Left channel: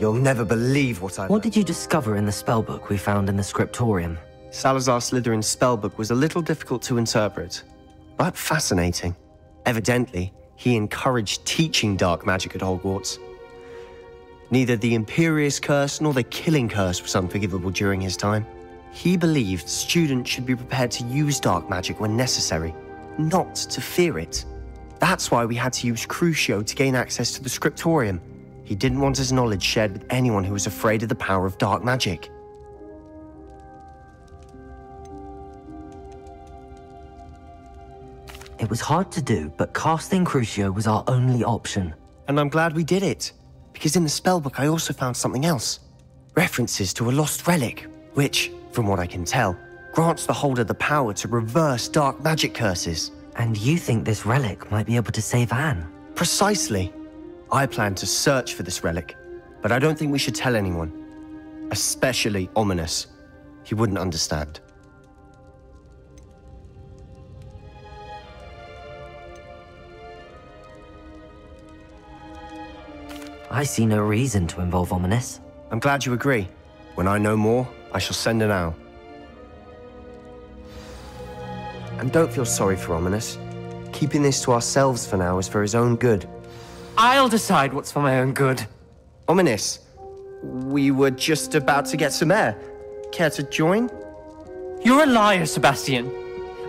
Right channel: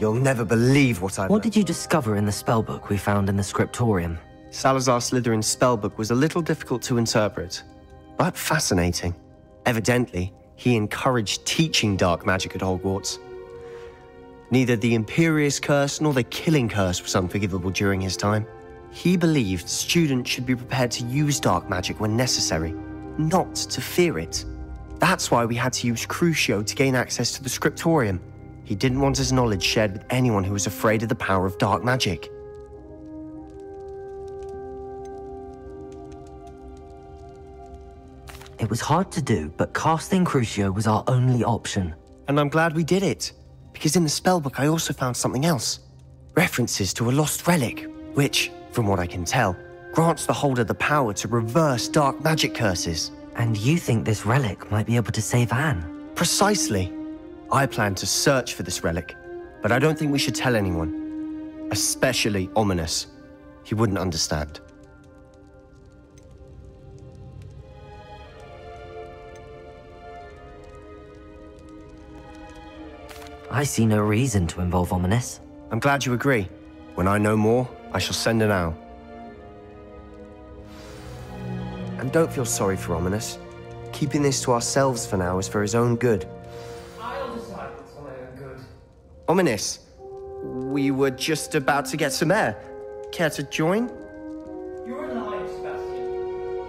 You'll never believe what I've What did you discover in the spellbook we found in the scriptorium? Salazar Slytherin's spellbook was a little difficult to interpret, but fascinating. Evidently, he encouraged teaching dark magic at Hogwarts. Neither the Imperious Curse nor the Killing Curse was unforgivable during his time. He believed students should be prepared to use dark magic when necessary, not to fear it. That's why we had to use Crucio to gain access to the scriptorium. He didn't want his knowledge shared with anyone who was afraid of the power of dark magic. It was hard to do, but casting Crucio was our only option. And I'm glad we did it, because in the spellbook I also found something else. References to a lost relic, which, from what I can tell, grants the holder the power to reverse dark magic curses. And you think this relic might be able to save Anne? Precisely. I plan to search for this relic, but I don't think we should tell anyone. Especially Ominous. He wouldn't understand. I see no reason to involve Ominous. I'm glad you agree. When I know more, I shall send an owl. And don't feel sorry for Ominous. Keeping this to ourselves for now is for his own good. I'll decide what's for my own good. Ominous, we were just about to get some air. Care to join? You're a liar, Sebastian.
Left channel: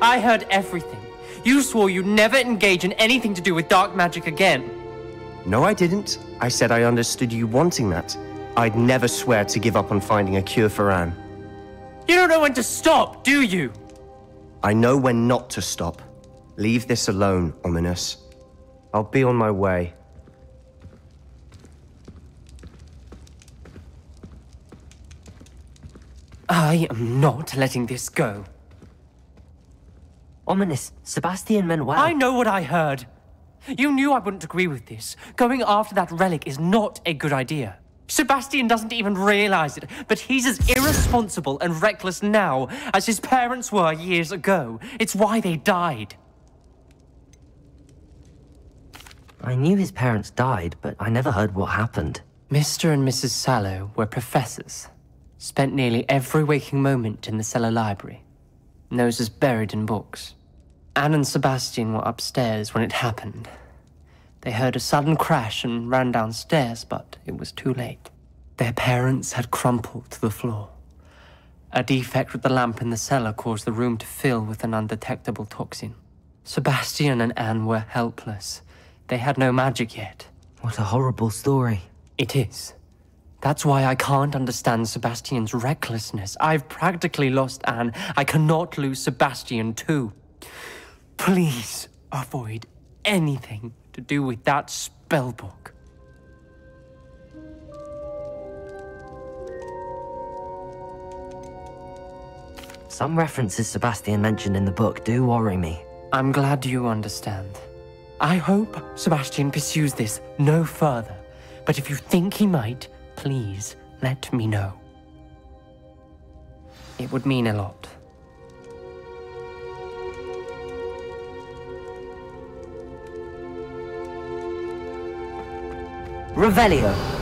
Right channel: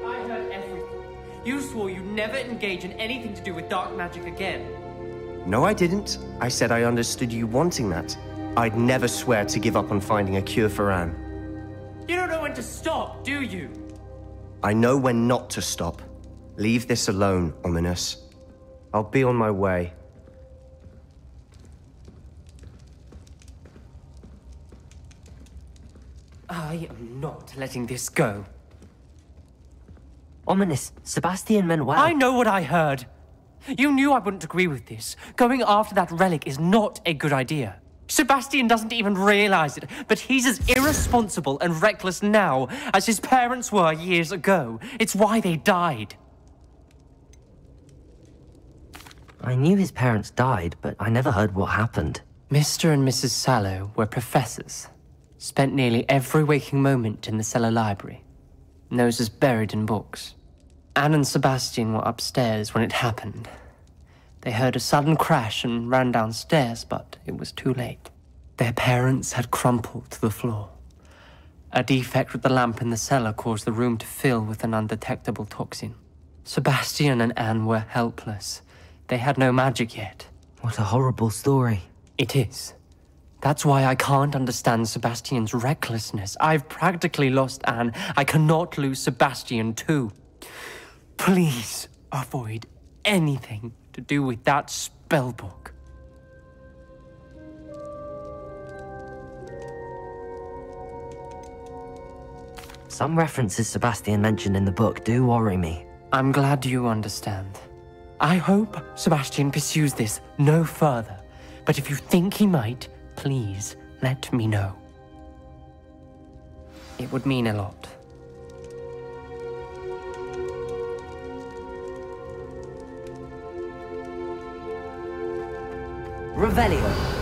I heard everything. You swore you'd never engage in anything to do with dark magic again. No, I didn't. I said I understood you wanting that. I'd never swear to give up on finding a cure for Anne. You don't know when to stop, do you? I know when not to stop. Leave this alone, Ominous. I'll be on my way. I am not letting this go. Ominous, Sebastian meant well. I know what I heard. You knew I wouldn't agree with this. Going after that relic is not a good idea. Sebastian doesn't even realize it, but he's as irresponsible and reckless now as his parents were years ago. It's why they died. I knew his parents died, but I never heard what happened. Mr. and Mrs. Sallow were professors. Spent nearly every waking moment in the cellar library. Noses buried in books. Anne and Sebastian were upstairs when it happened. They heard a sudden crash and ran downstairs, but it was too late. Their parents had crumpled to the floor. A defect with the lamp in the cellar caused the room to fill with an undetectable toxin. Sebastian and Anne were helpless. They had no magic yet. What a horrible story. It is. That's why I can't understand Sebastian's recklessness. I've practically lost Anne. I cannot lose Sebastian too. Please avoid anything to do with that spellbook. Some references Sebastian mentioned in the book do worry me. I'm glad you understand. I hope Sebastian pursues this no further, but if you think he might, please let me know. It would mean a lot. Revelio.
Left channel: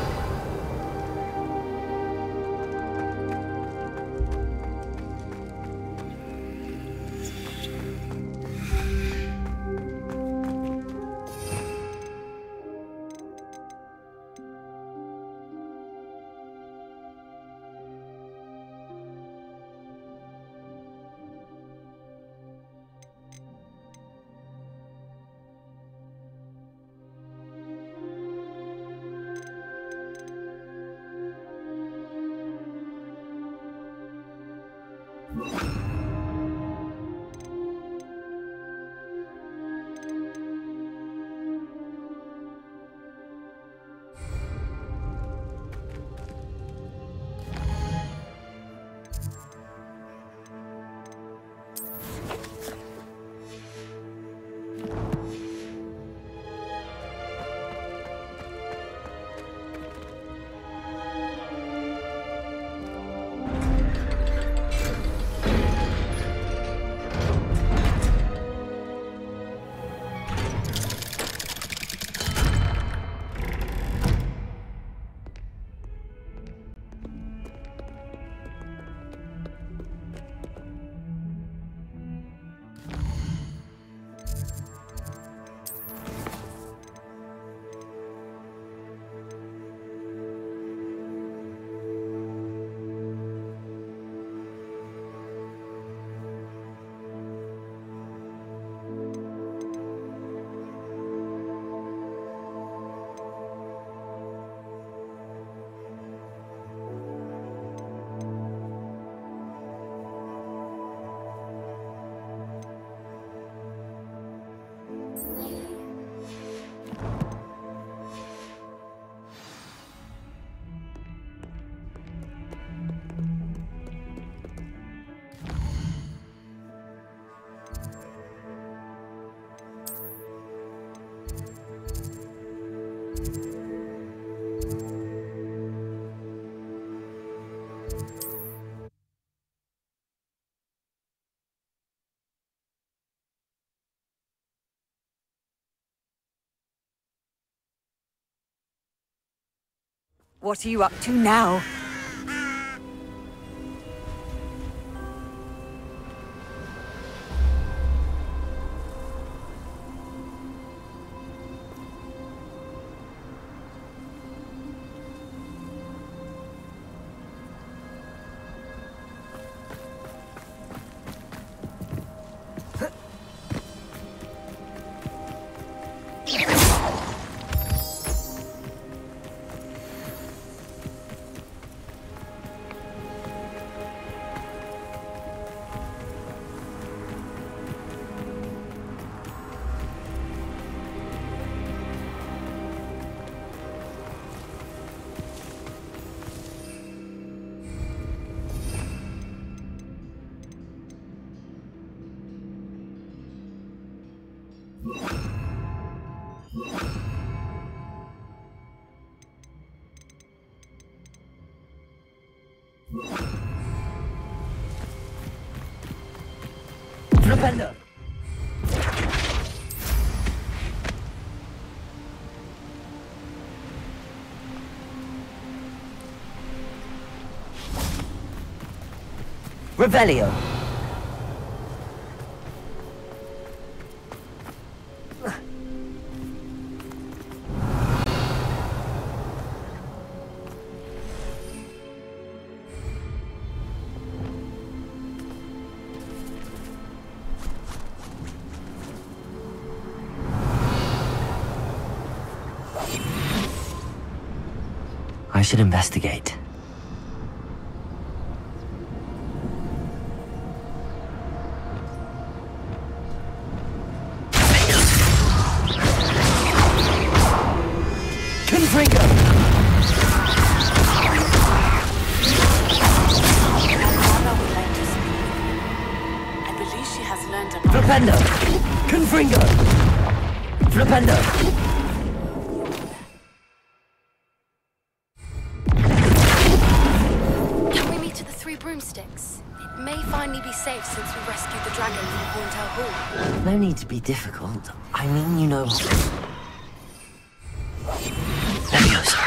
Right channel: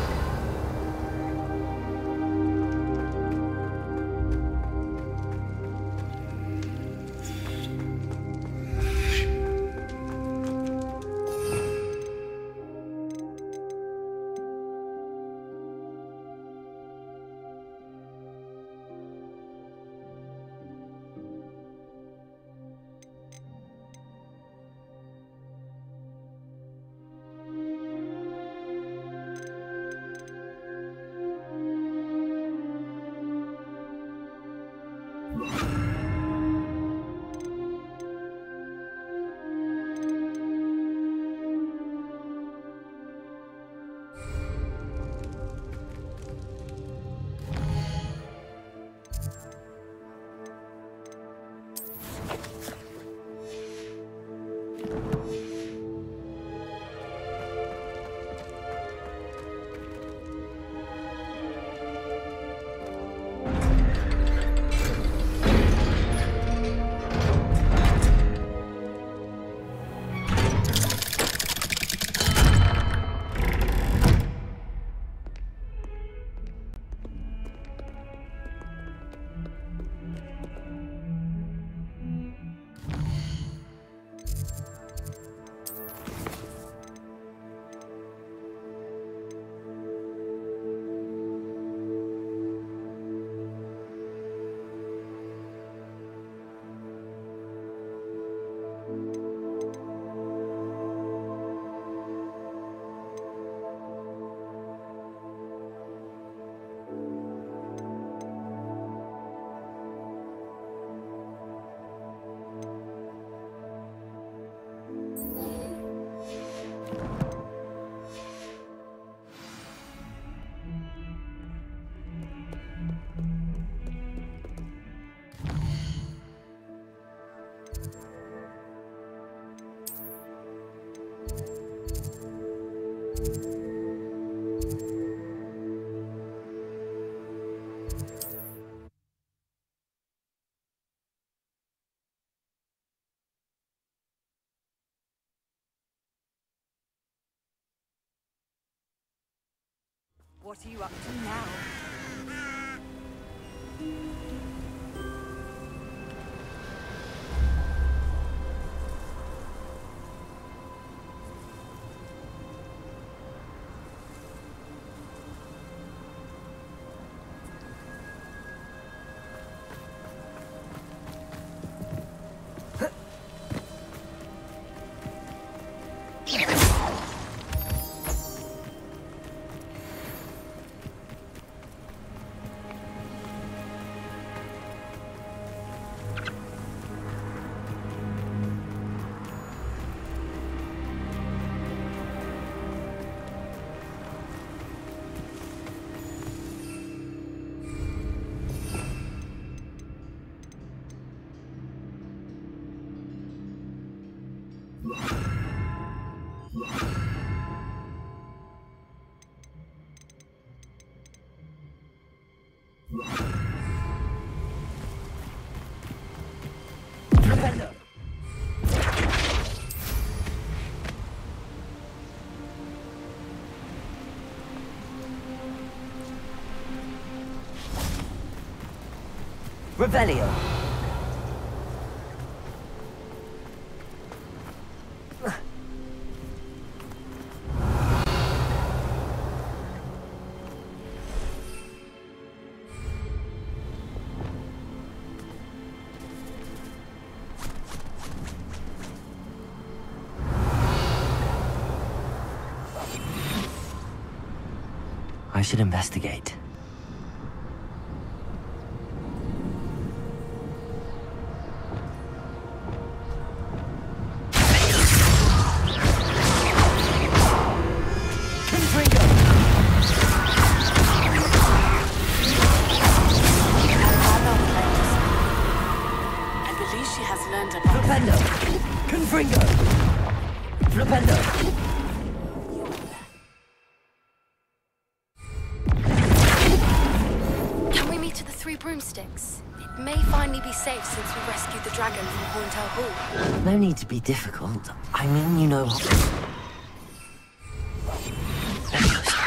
What are you up to now? Defender! Revelio! I should investigate. I believe she has learned about Flipendo! Confringo! Flipendo! Can we meet at the Three Broomsticks? It may finally be safe since we rescued the dragon from Horntail Hall. No need to be difficult. I mean, you know... Leviosa.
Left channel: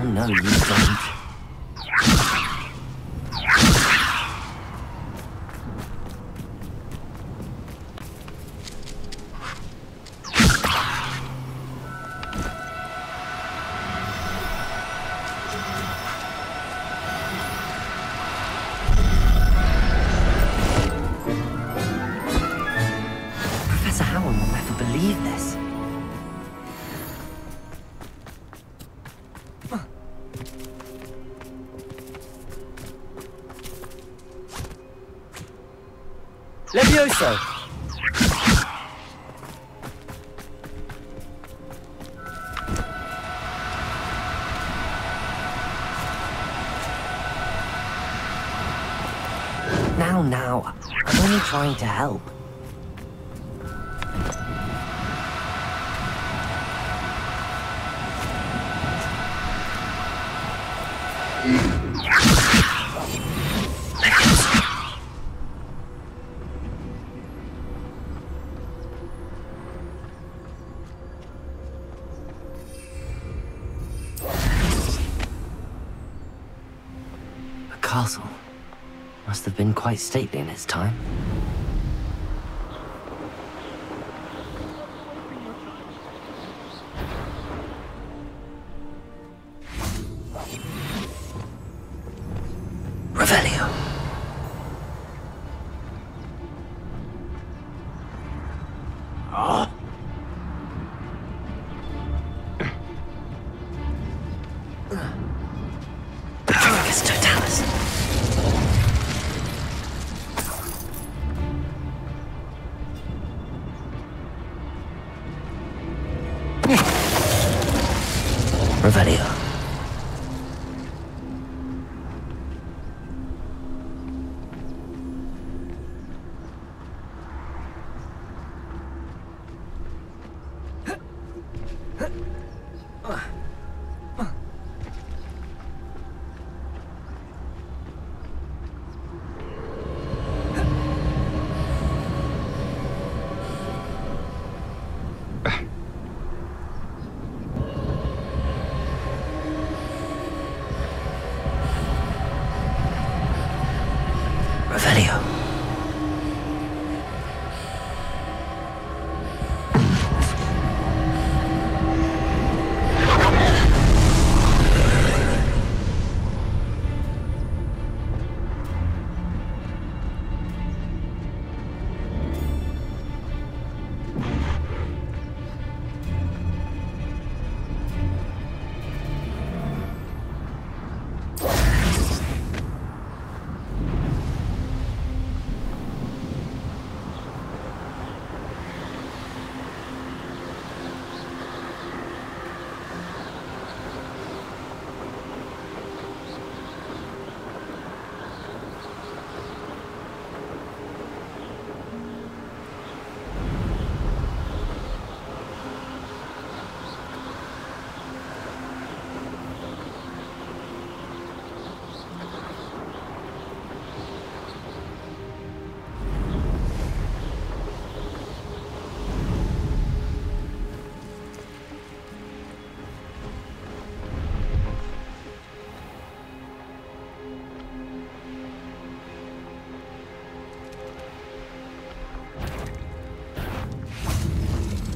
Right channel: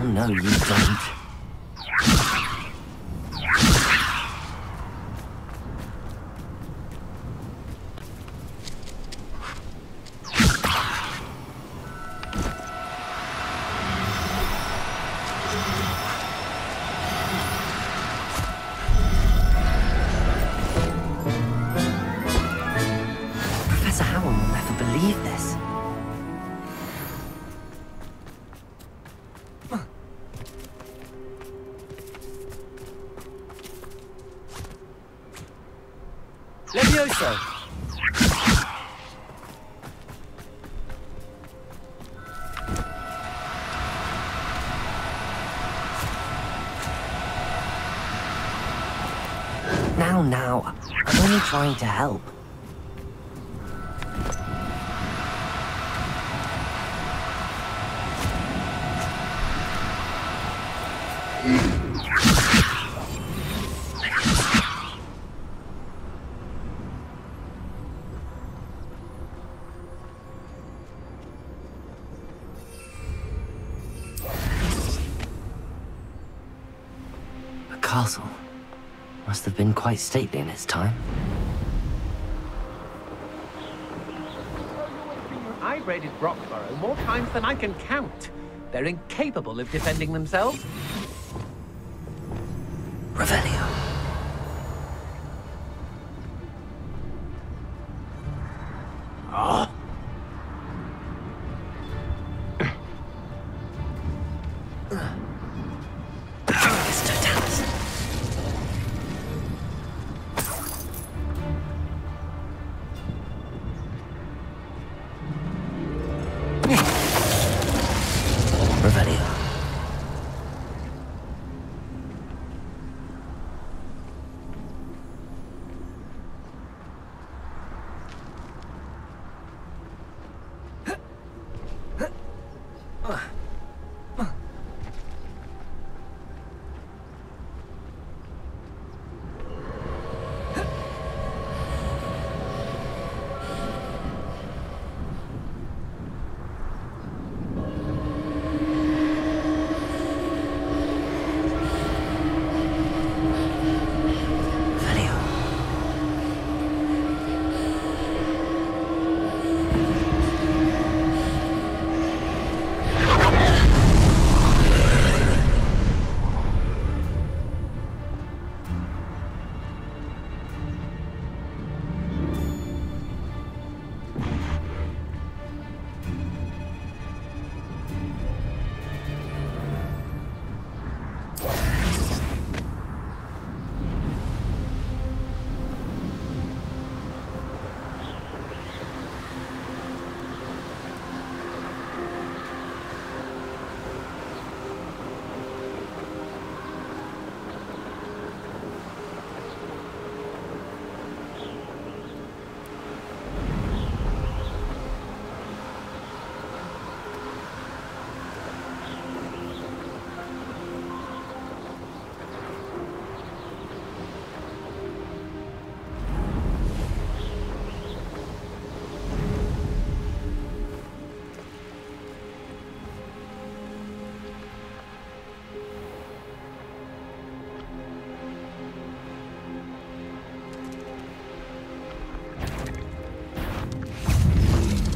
Oh, no, you don't. Professor Howard will never believe this. Levioso! Now, I'm only trying to help. A castle. Must have been quite stately in its time. I raided Rockborough more times than I can count. They're incapable of defending themselves. Revelio. Magus Totalis. Revelio.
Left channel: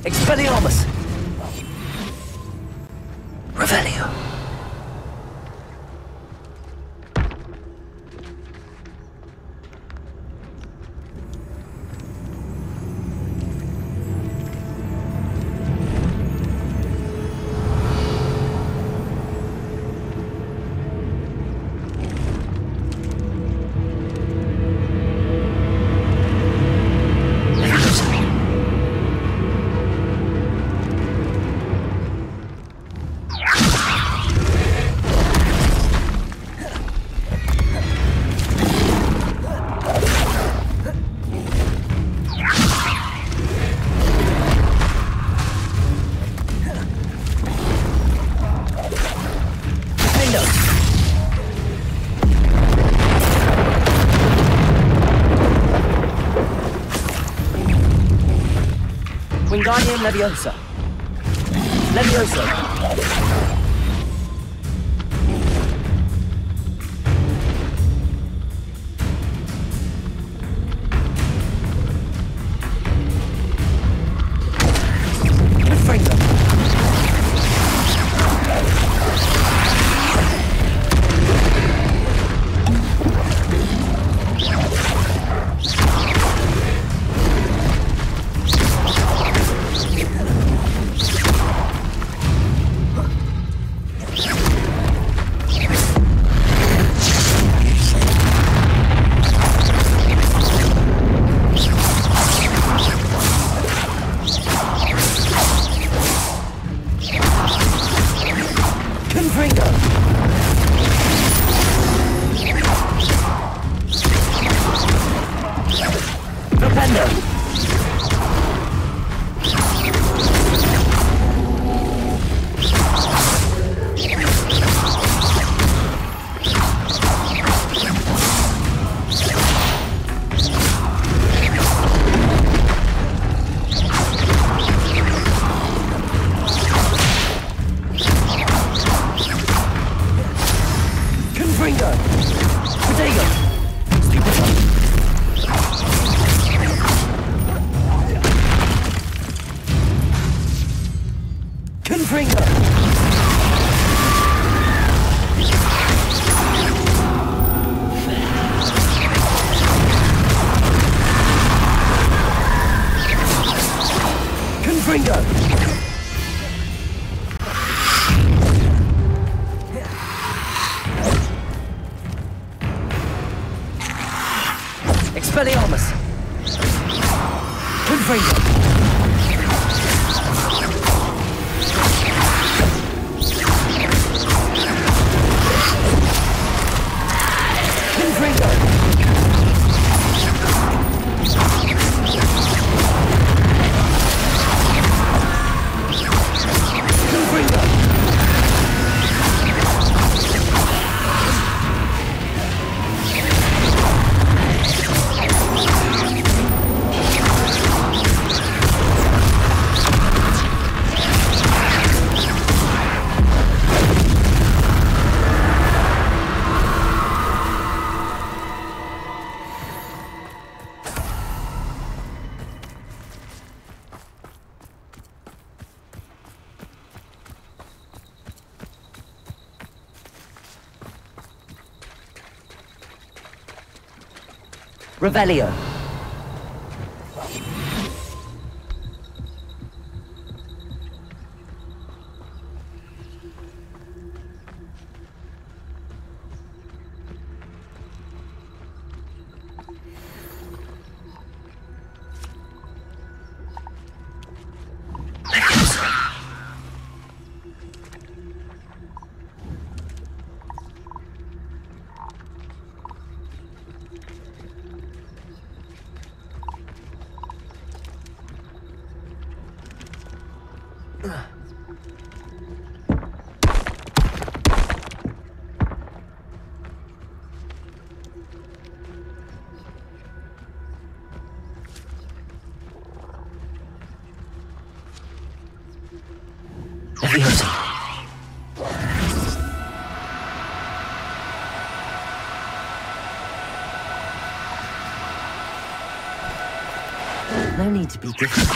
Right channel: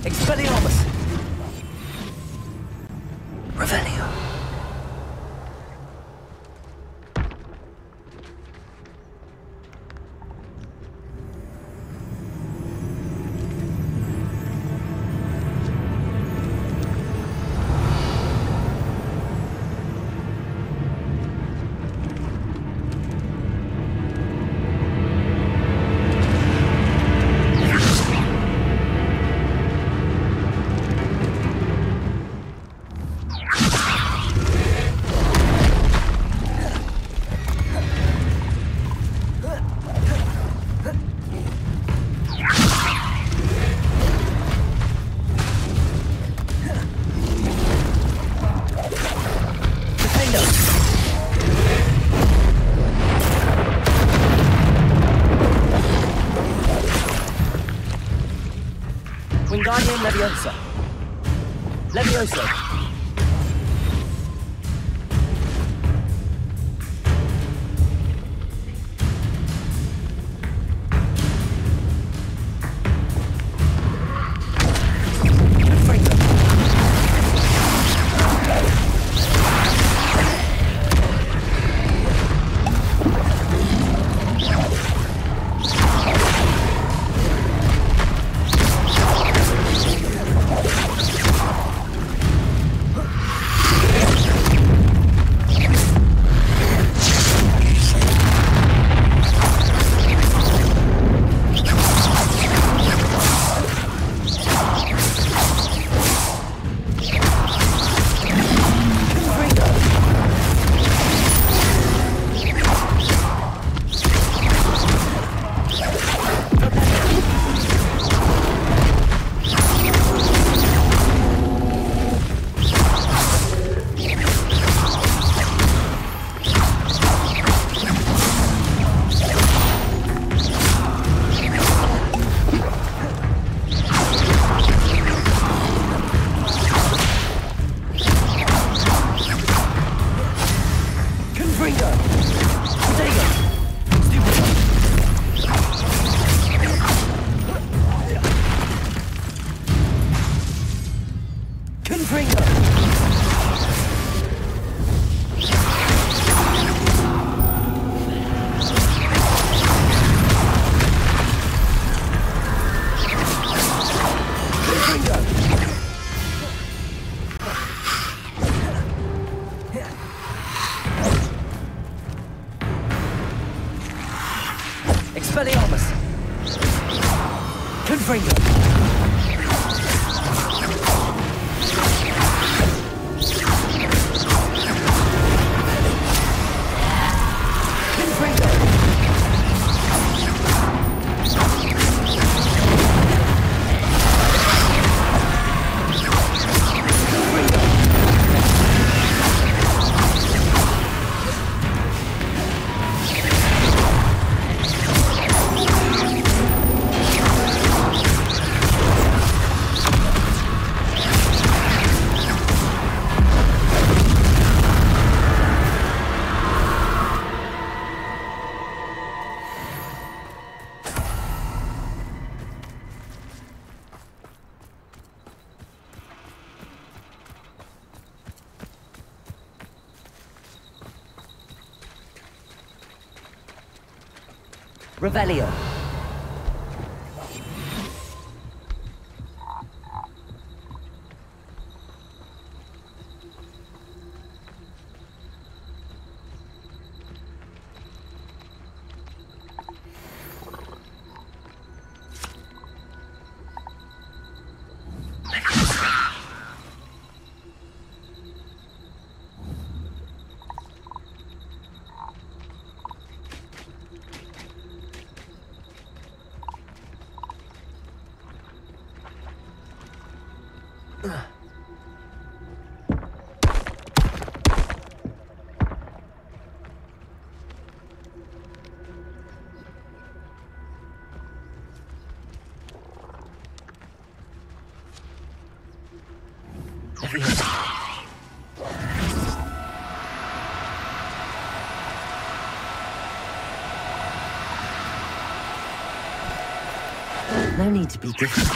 Expelliarmus! Revelio. Wingardium Leviosa. Leviosa. Expelliarmus! Confringo! Confringo! Revelio. No need to be difficult.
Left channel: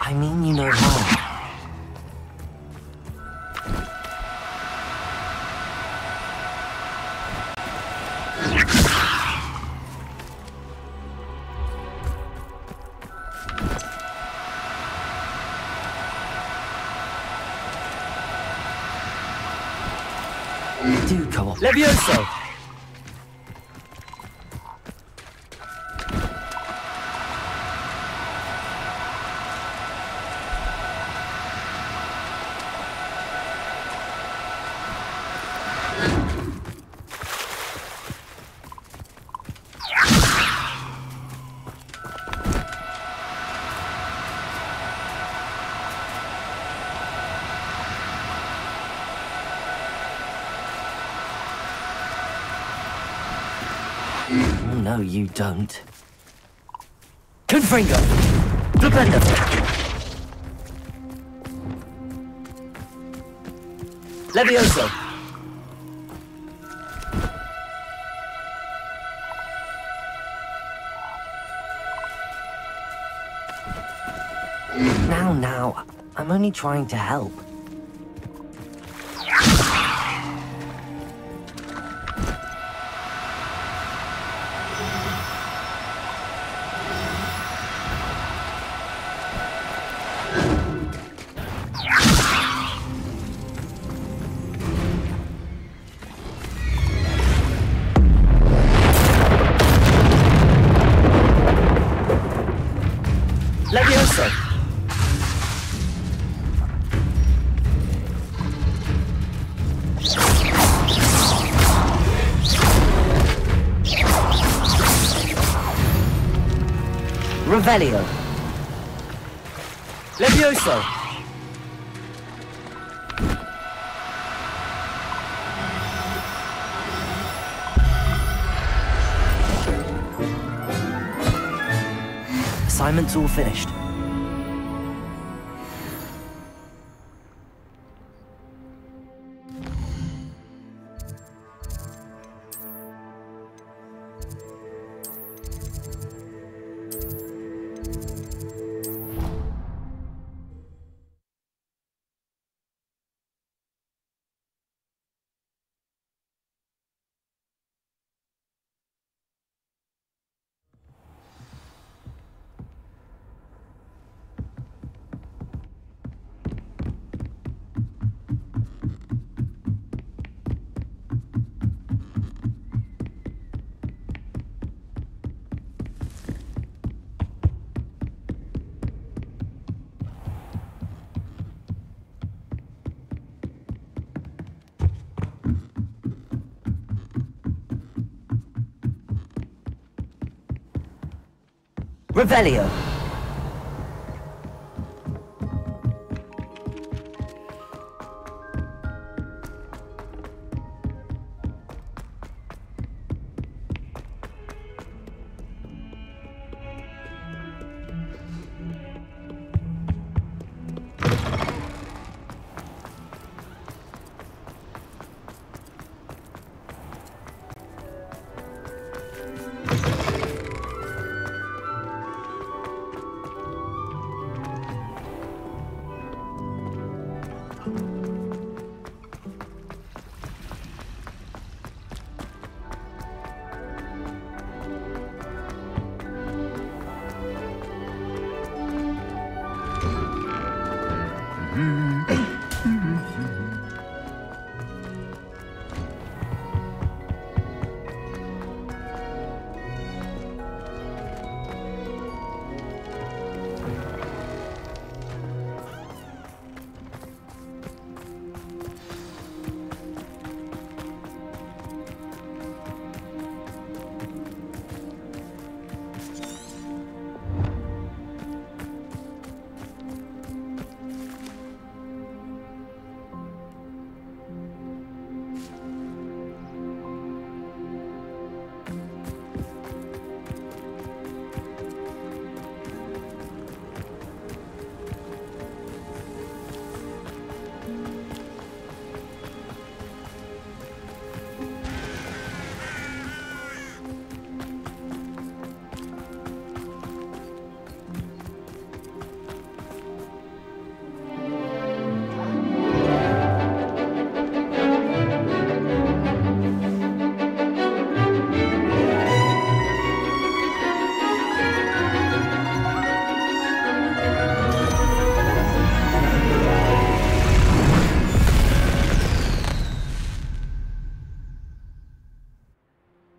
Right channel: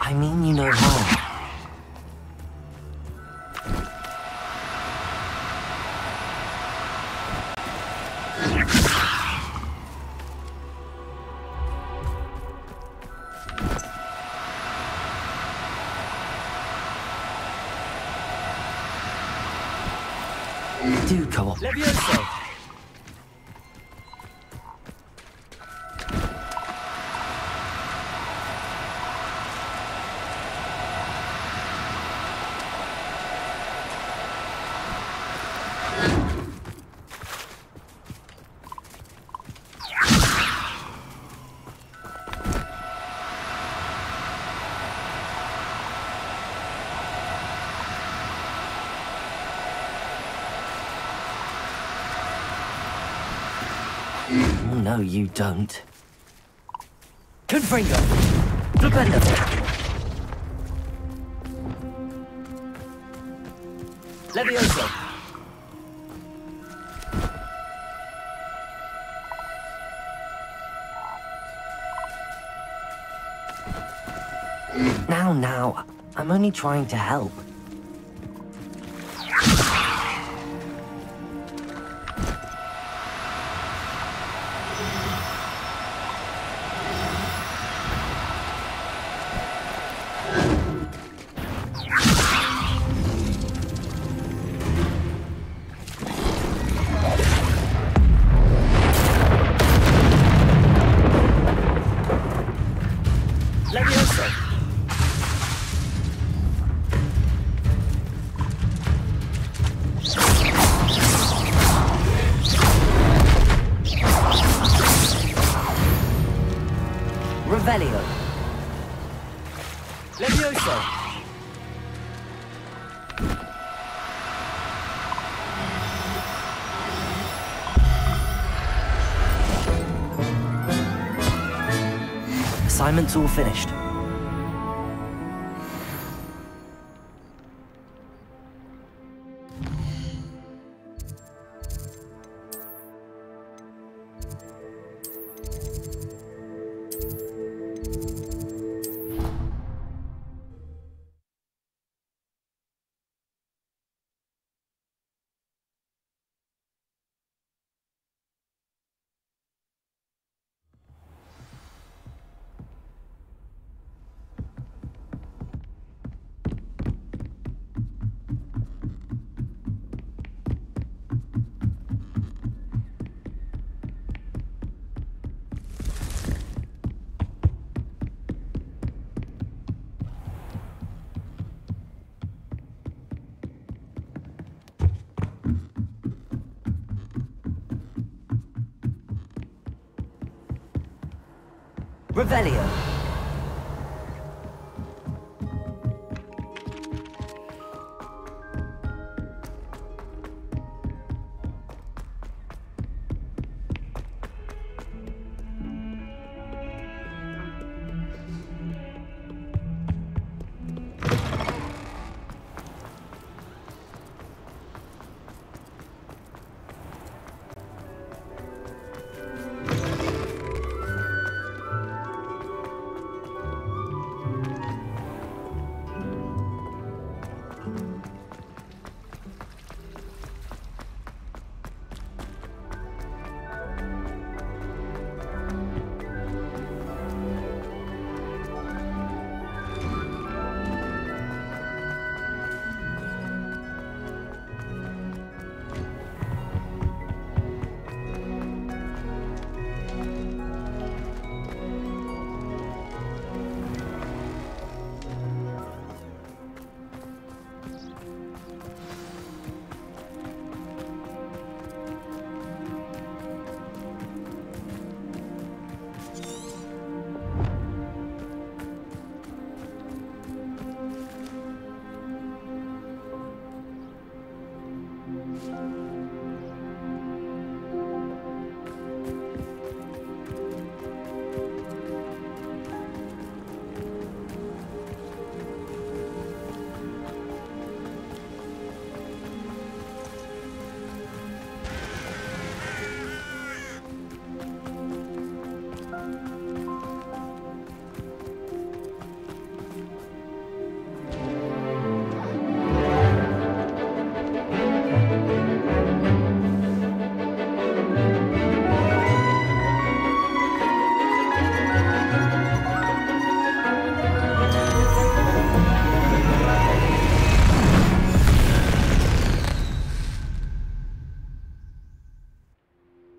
I mean you no harm. Do come on. Levioso! No, you don't. Confringo! Blabenda! Levioso! Now, I'm only trying to help. Levioso! Revelio! Levioso! Assignment's all finished. Revelio.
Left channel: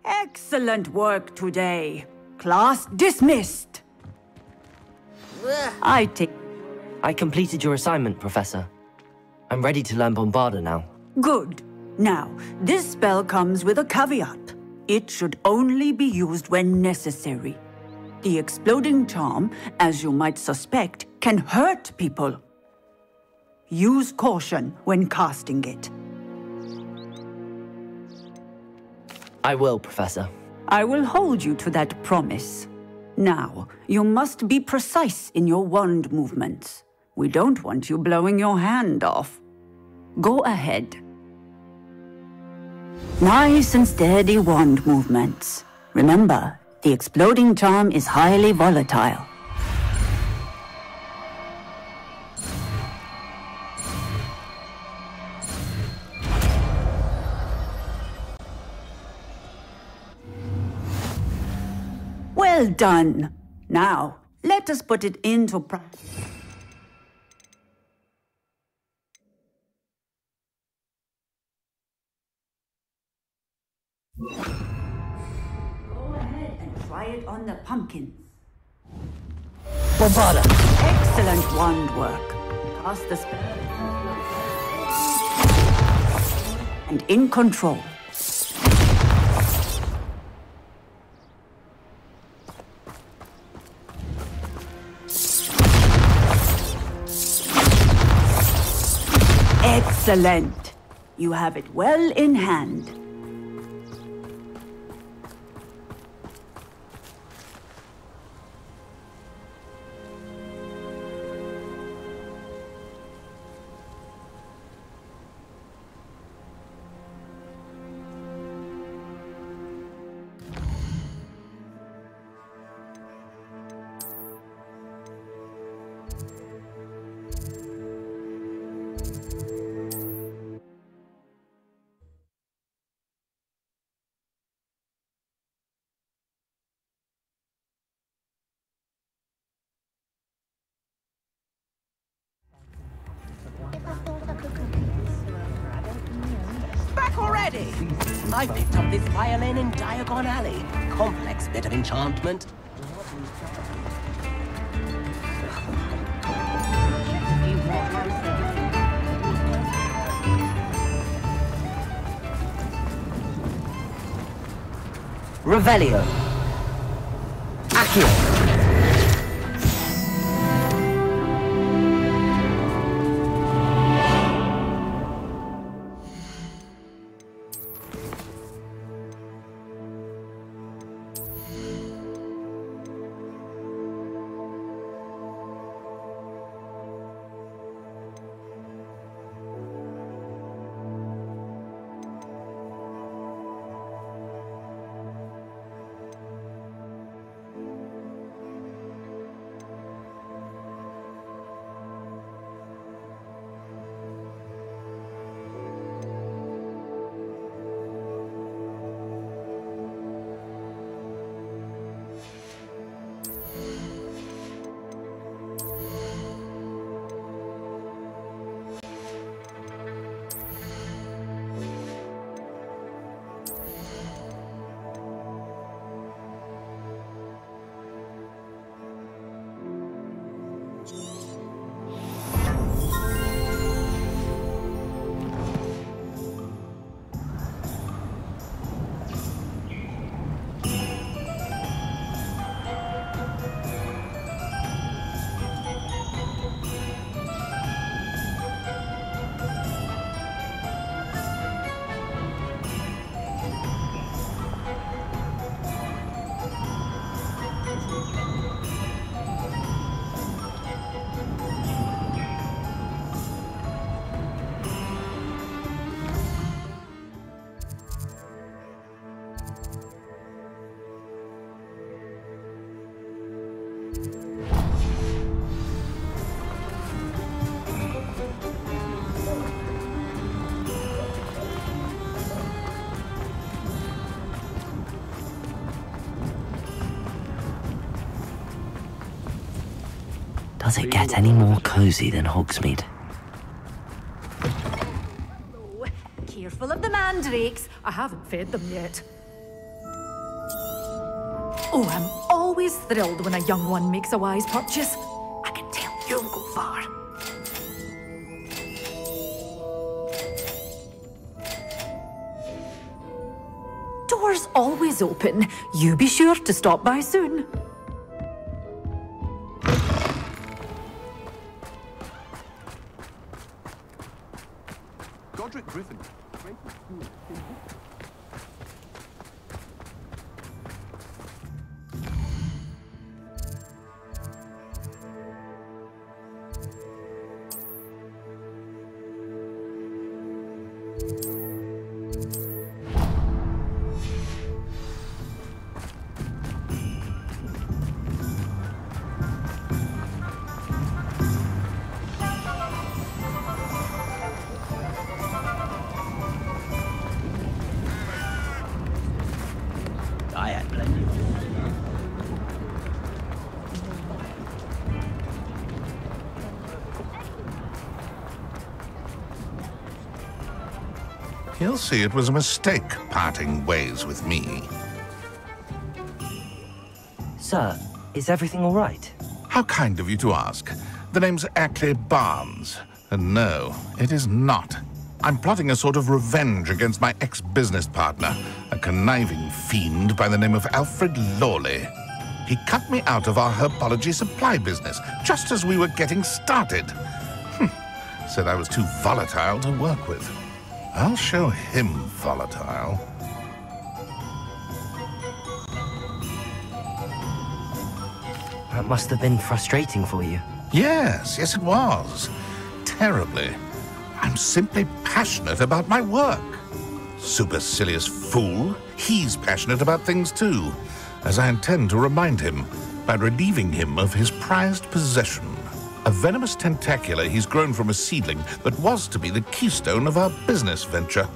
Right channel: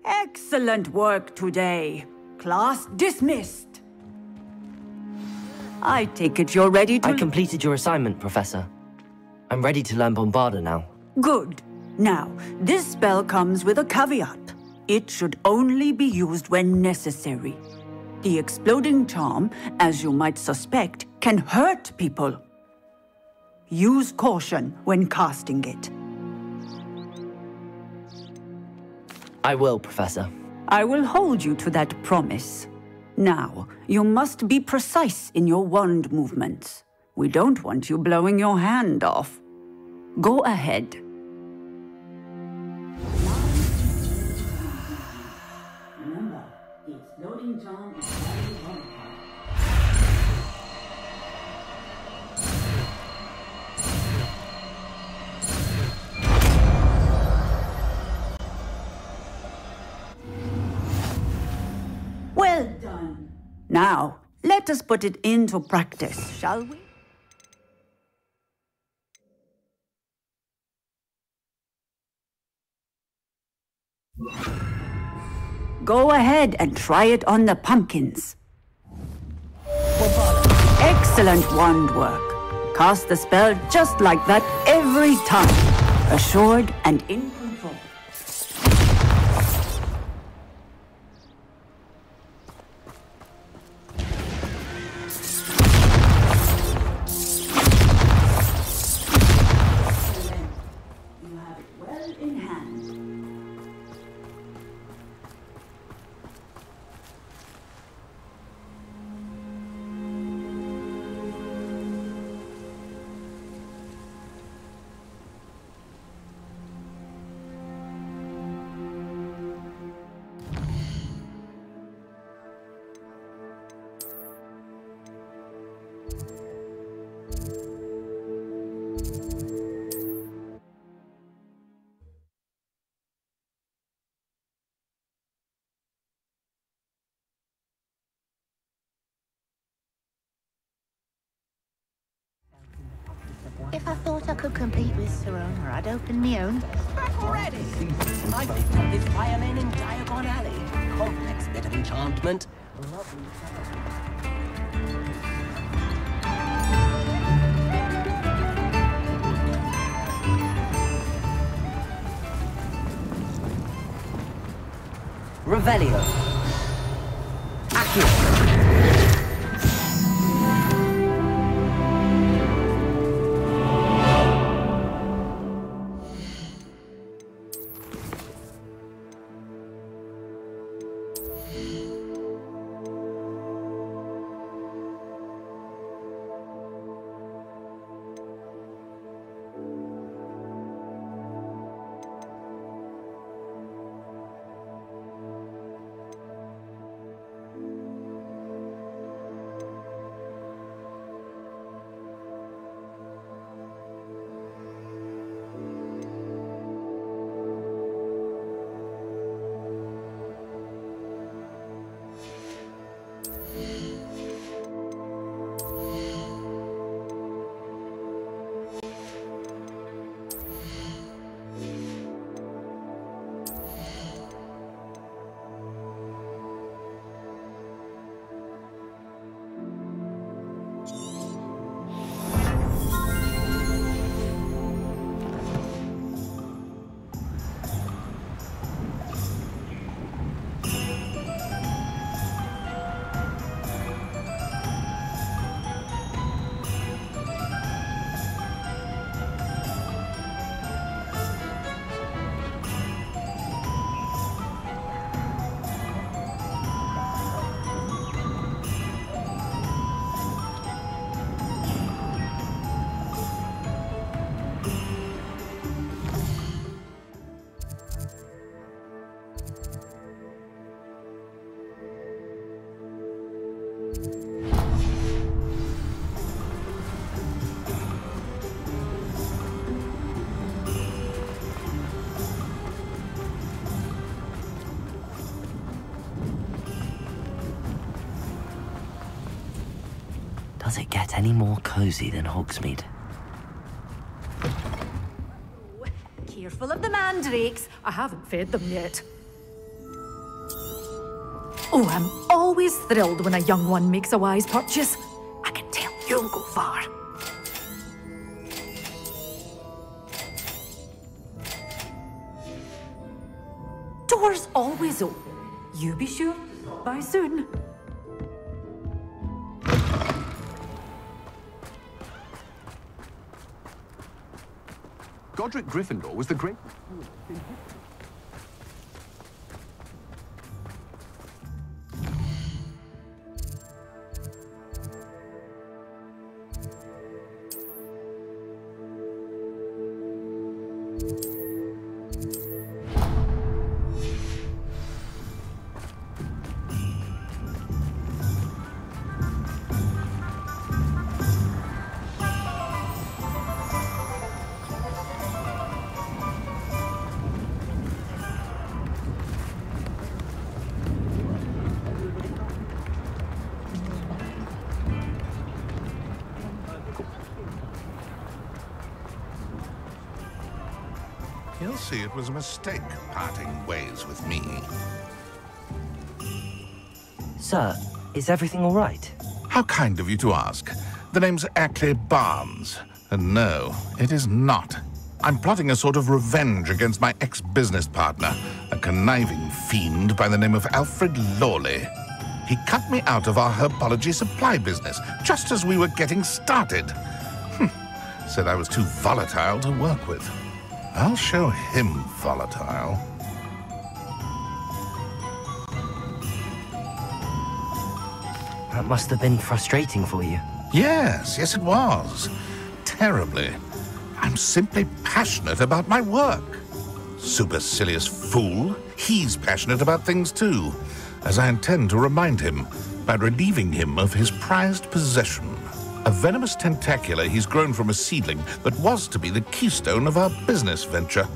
Excellent work today. Class dismissed. I take it you're ready to... I completed your assignment, Professor. I'm ready to learn Bombarda now. Good. Now, this spell comes with a caveat. It should only be used when necessary. The exploding charm, as you might suspect, can hurt people. Use caution when casting it. I will, Professor. I will hold you to that promise. Now, you must be precise in your wand movements. We don't want you blowing your hand off. Go ahead. Nice and steady wand movements. Remember, the exploding charm is highly volatile. Well done. Now, let us put it into practice, shall we? Go ahead and try it on the pumpkins. Bombarda! Excellent wand work. Cast the spell just like that every time. Assured and in control. Excellent. You have it well in hand. If I thought I could compete with Serona, I'd open my own. Back already! I picked up this violin in Diagon Alley. Complex bit of enchantment. Revelio. Accio. Does it get any more cozy than Hogsmeade? Careful of the mandrakes. I haven't fed them yet. Oh, I'm always thrilled when a young one makes a wise purchase. I can tell you'll go far. Doors always open. You be sure to stop by soon. Godric Gryffindor was the greatest duelist in history. He'll see it was a mistake parting ways with me. Sir, is everything all right? How kind of you to ask. The name's Ackley Barnes. And no, it is not. I'm plotting a sort of revenge against my ex-business partner, a conniving fiend by the name of Alfred Lawley. He cut me out of our herbology supply business just as we were getting started. Said I was too volatile to work with. I'll show him volatile. That must have been frustrating for you. Yes, it was. Terribly. I'm simply passionate about my work. Supercilious fool. He's passionate about things too, as I intend to remind him by relieving him of his prized possession. A venomous tentacular he's grown from a seedling that was to be the keystone of our business venture.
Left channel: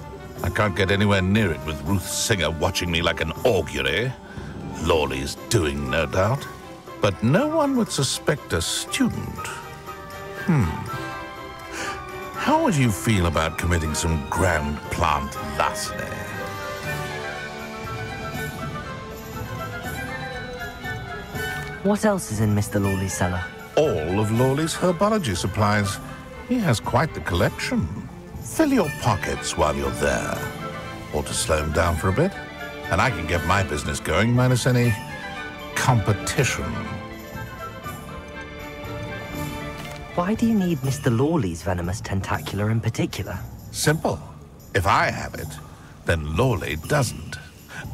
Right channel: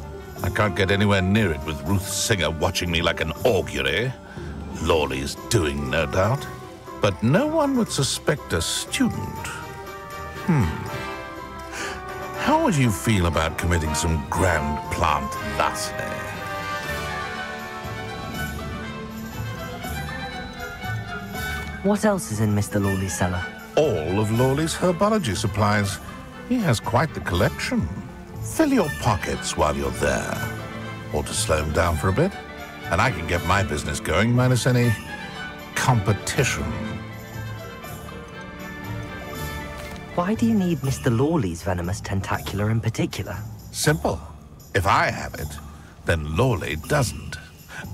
I can't get anywhere near it with Ruth Singer watching me like an augury. Lawley's doing, no doubt. But no one would suspect a student. How would you feel about committing some grand plant larceny? What else is in Mr. Lawley's cellar? All of Lawley's herbology supplies. He has quite the collection. Fill your pockets while you're there. Or to slow him down for a bit. And I can get my business going minus any competition. Why do you need Mr. Lawley's venomous tentacular in particular? Simple. If I have it, then Lawley doesn't.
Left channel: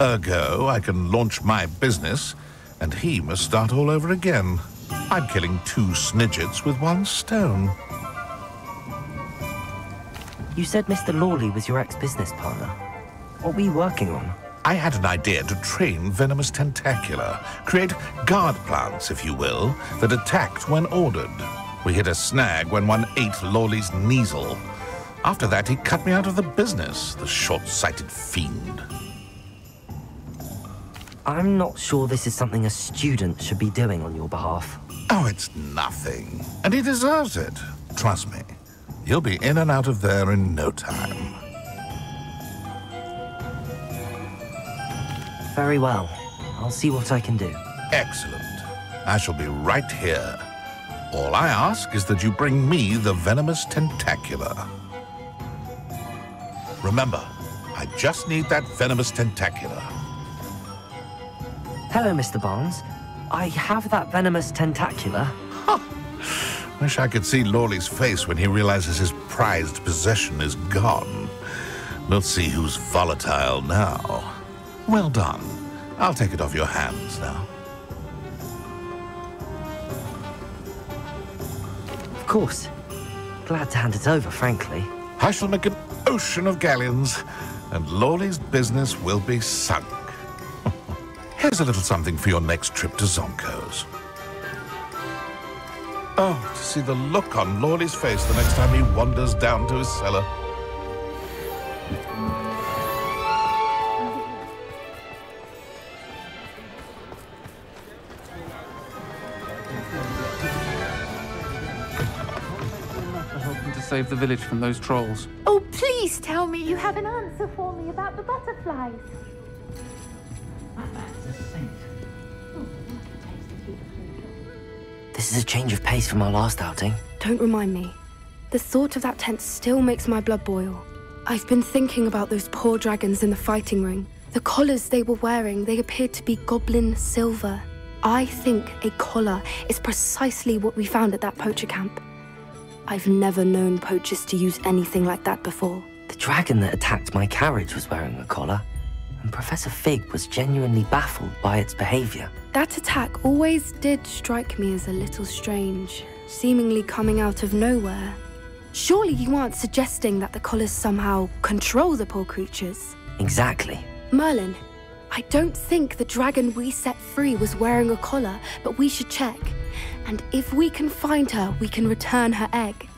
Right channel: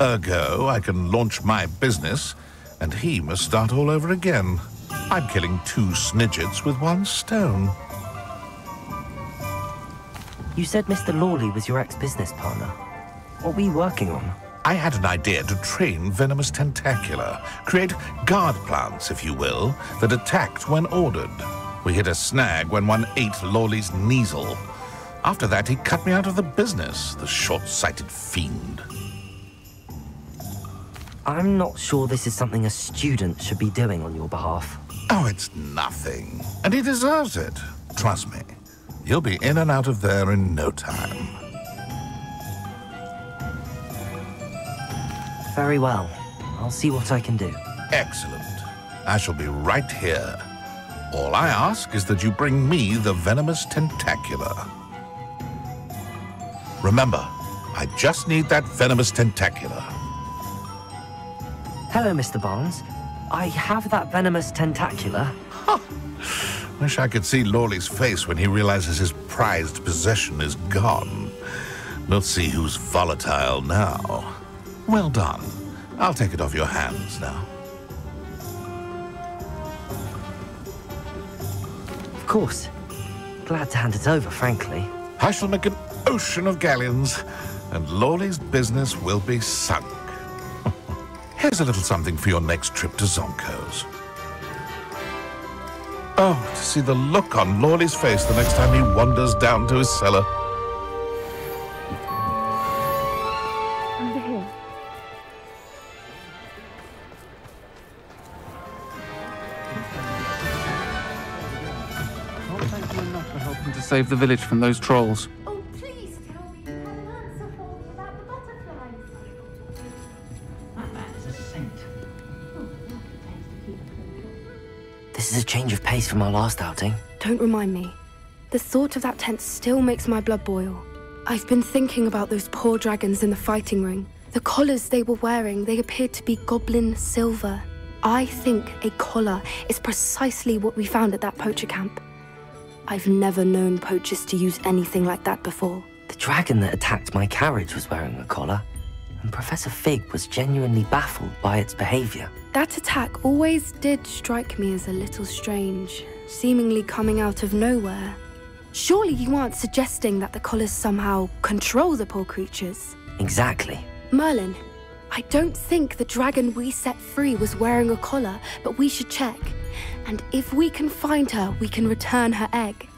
Ergo, I can launch my business, and he must start all over again. I'm killing 2 snidgets with 1 stone. You said Mr. Lawley was your ex-business partner. What were you working on? I had an idea to train Venomous Tentacula, create guard plants, if you will, that attacked when ordered. We hit a snag when one ate Lawley's Kneasel. After that, he cut me out of the business, the short-sighted fiend. I'm not sure this is something a student should be doing on your behalf. Oh, it's nothing. And he deserves it. Trust me. He'll be in and out of there in no time. Very well. I'll see what I can do. Excellent. I shall be right here. All I ask is that you bring me the Venomous Tentacula. Remember, I just need that Venomous Tentacula. Hello, Mr. Barnes. I have that Venomous Tentacula. Wish I could see Lawley's face when he realizes his prized possession is gone. We'll see who's volatile now. Well done. I'll take it off your hands now. Of course. Glad to hand it over, frankly. I shall make an ocean of galleons, and Lawley's business will be sunk. Here's a little something for your next trip to Zonko's. Oh, to see the look on Lawley's face the next time he wanders down to his cellar. To save the village from those trolls. Oh, please tell me you have an answer for me about the butterflies. That man's a saint. This is a change of pace from our last outing. Don't remind me. The thought of that tent still makes my blood boil. I've been thinking about those poor dragons in the fighting ring. The collars they were wearing, they appeared to be goblin silver. I think a collar is precisely what we found at that poacher camp. I've never known poachers to use anything like that before. The dragon that attacked my carriage was wearing a collar, and Professor Fig was genuinely baffled by its behavior. That attack always did strike me as a little strange, seemingly coming out of nowhere. Surely you aren't suggesting that the collars somehow control the poor creatures? Exactly. Merlin, I don't think the dragon we set free was wearing a collar, but we should check. And if we can find her, we can return her egg.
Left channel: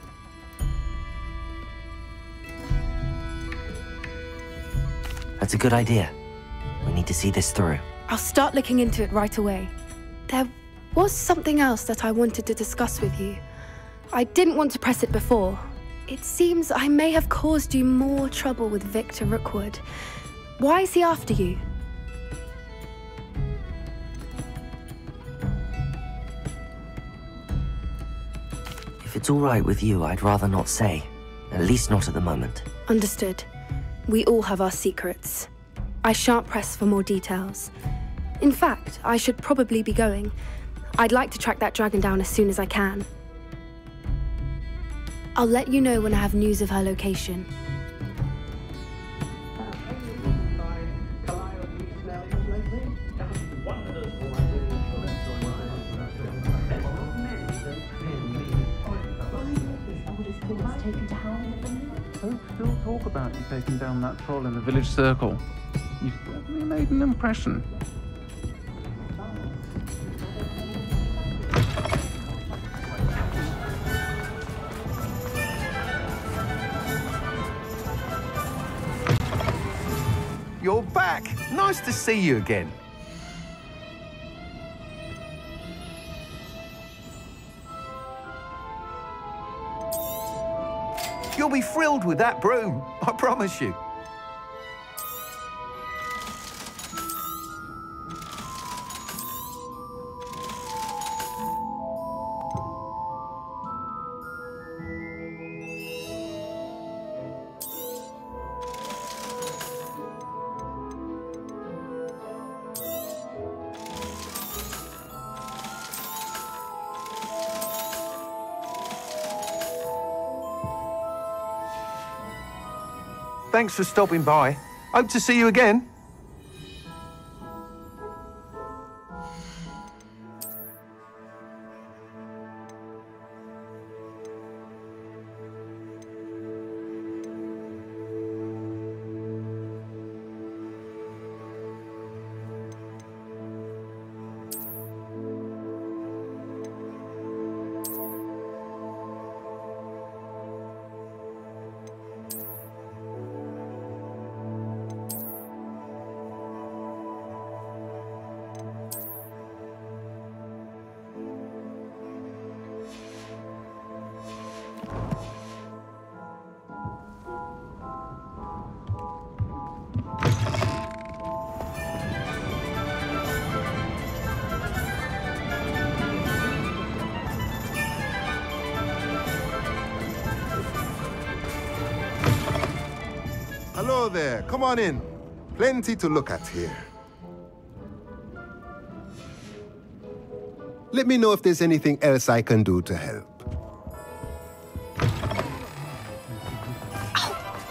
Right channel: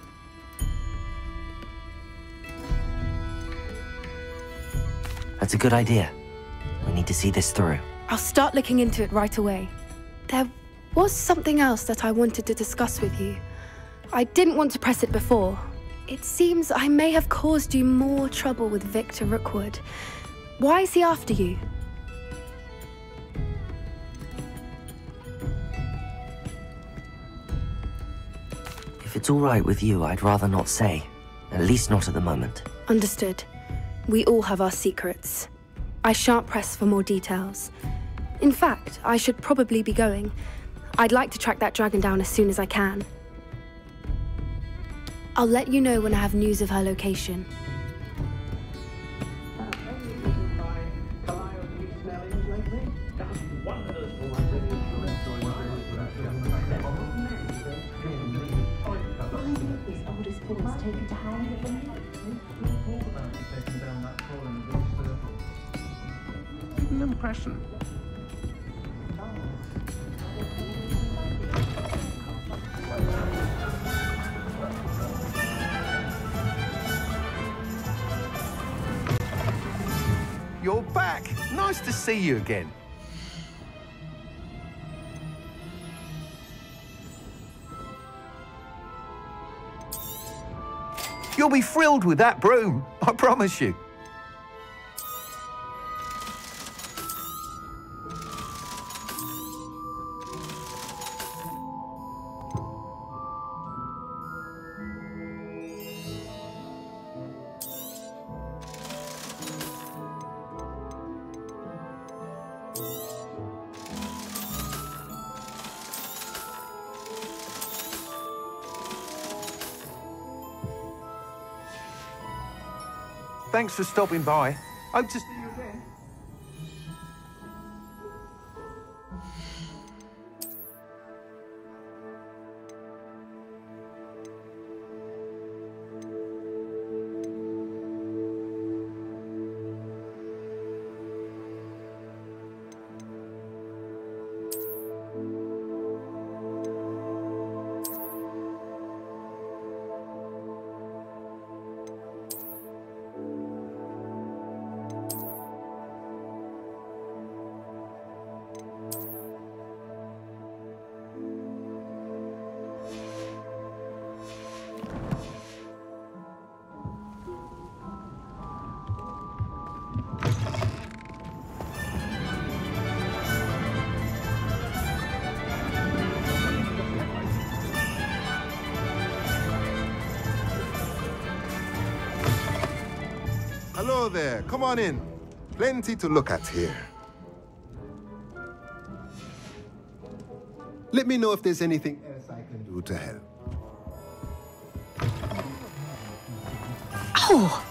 That's a good idea. We need to see this through. I'll start looking into it right away. There was something else that I wanted to discuss with you. I didn't want to press it before. It seems I may have caused you more trouble with Victor Rookwood. Why is he after you? If it's all right with you, I'd rather not say. At least not at the moment. Understood. We all have our secrets. I shan't press for more details. In fact, I should probably be going. I'd like to track that dragon down as soon as I can. I'll let you know when I have news of her location. Don't talk about you taking down that troll in the village circle. You certainly made an impression. You're back. Nice to see you again. You'll be thrilled with that broom, I promise you. Thanks for stopping by. Hope to see you again. Hello there. Come on in. Plenty to look at here. Let me know if there's anything else I can do to help. Oh!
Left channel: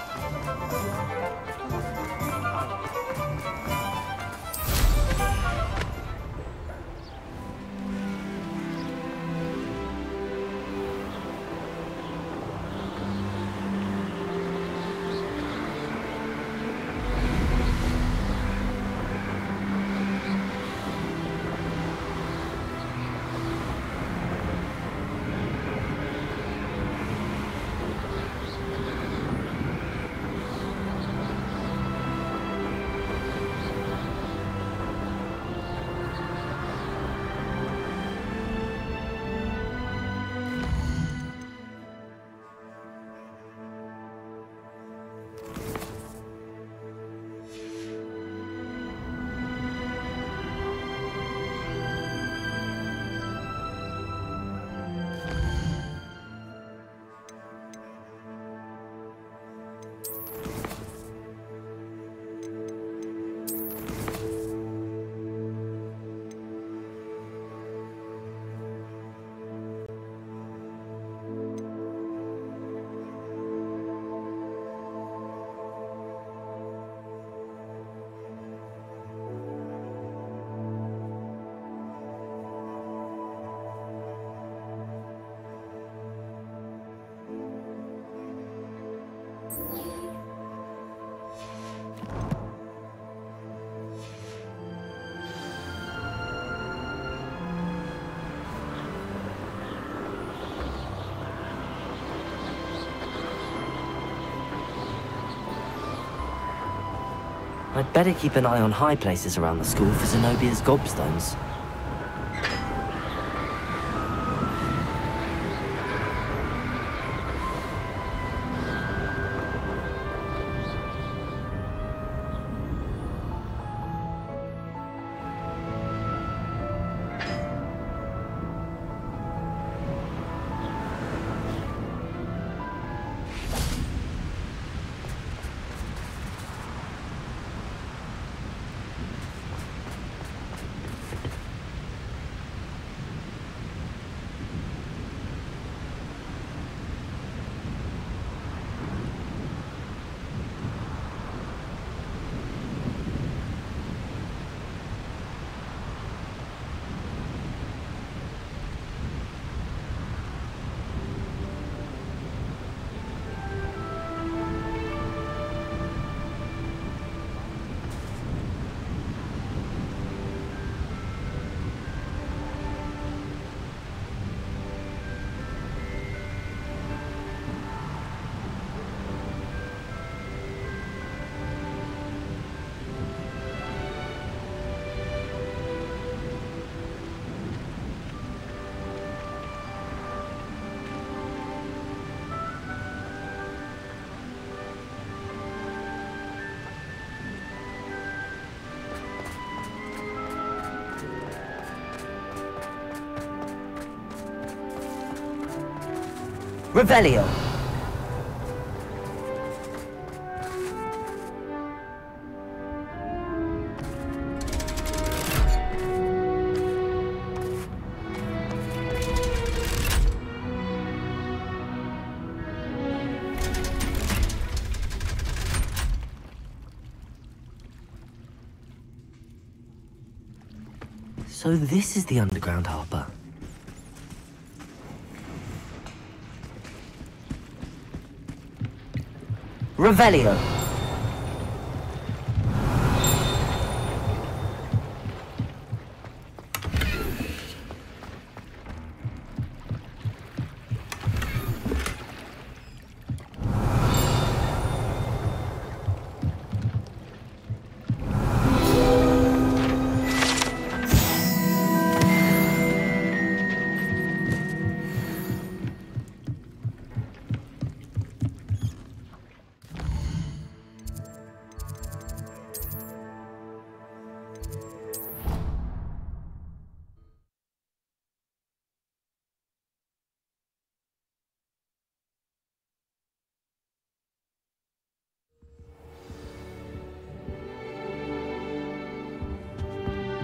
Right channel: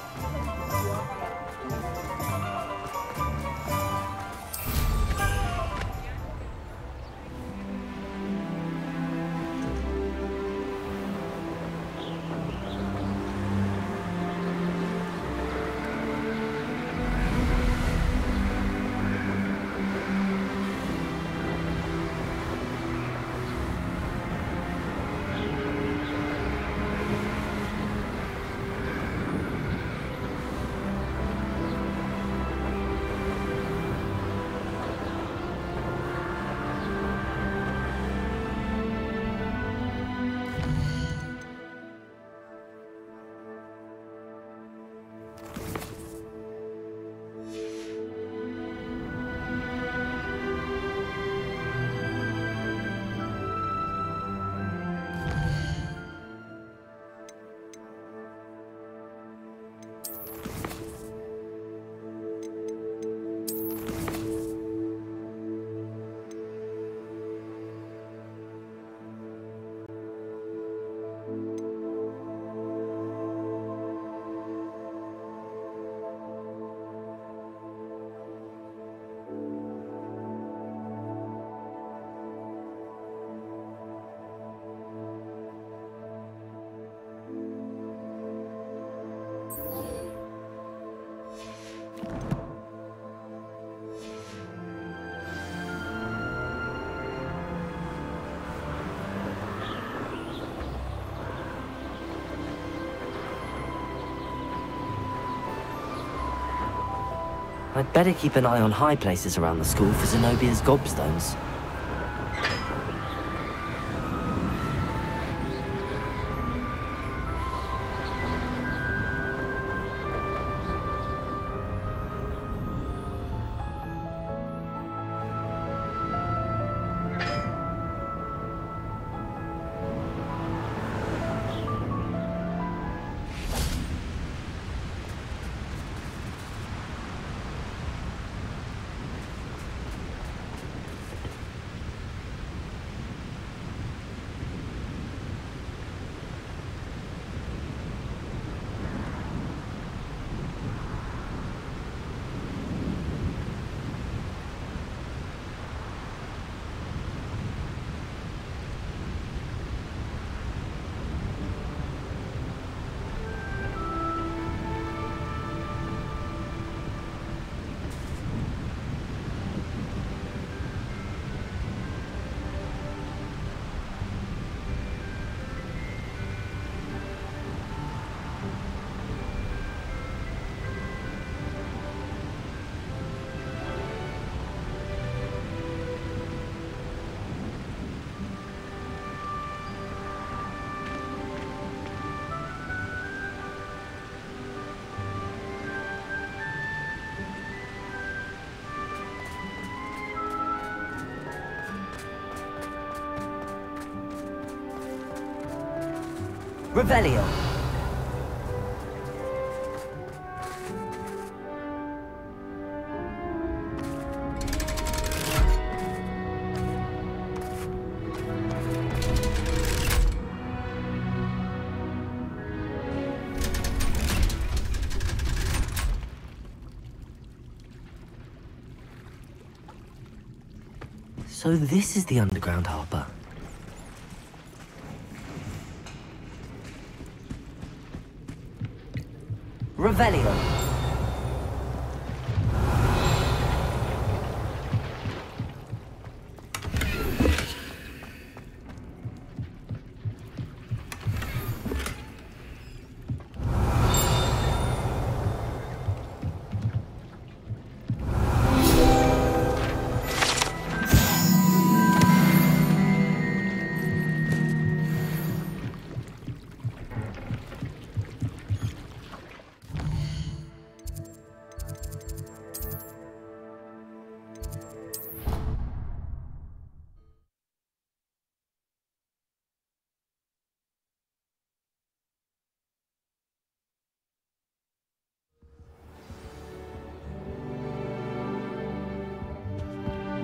I'd better keep an eye on high places around the school for Zenobia's gobstones. Revelio. So this is the underground harbour. Revelio.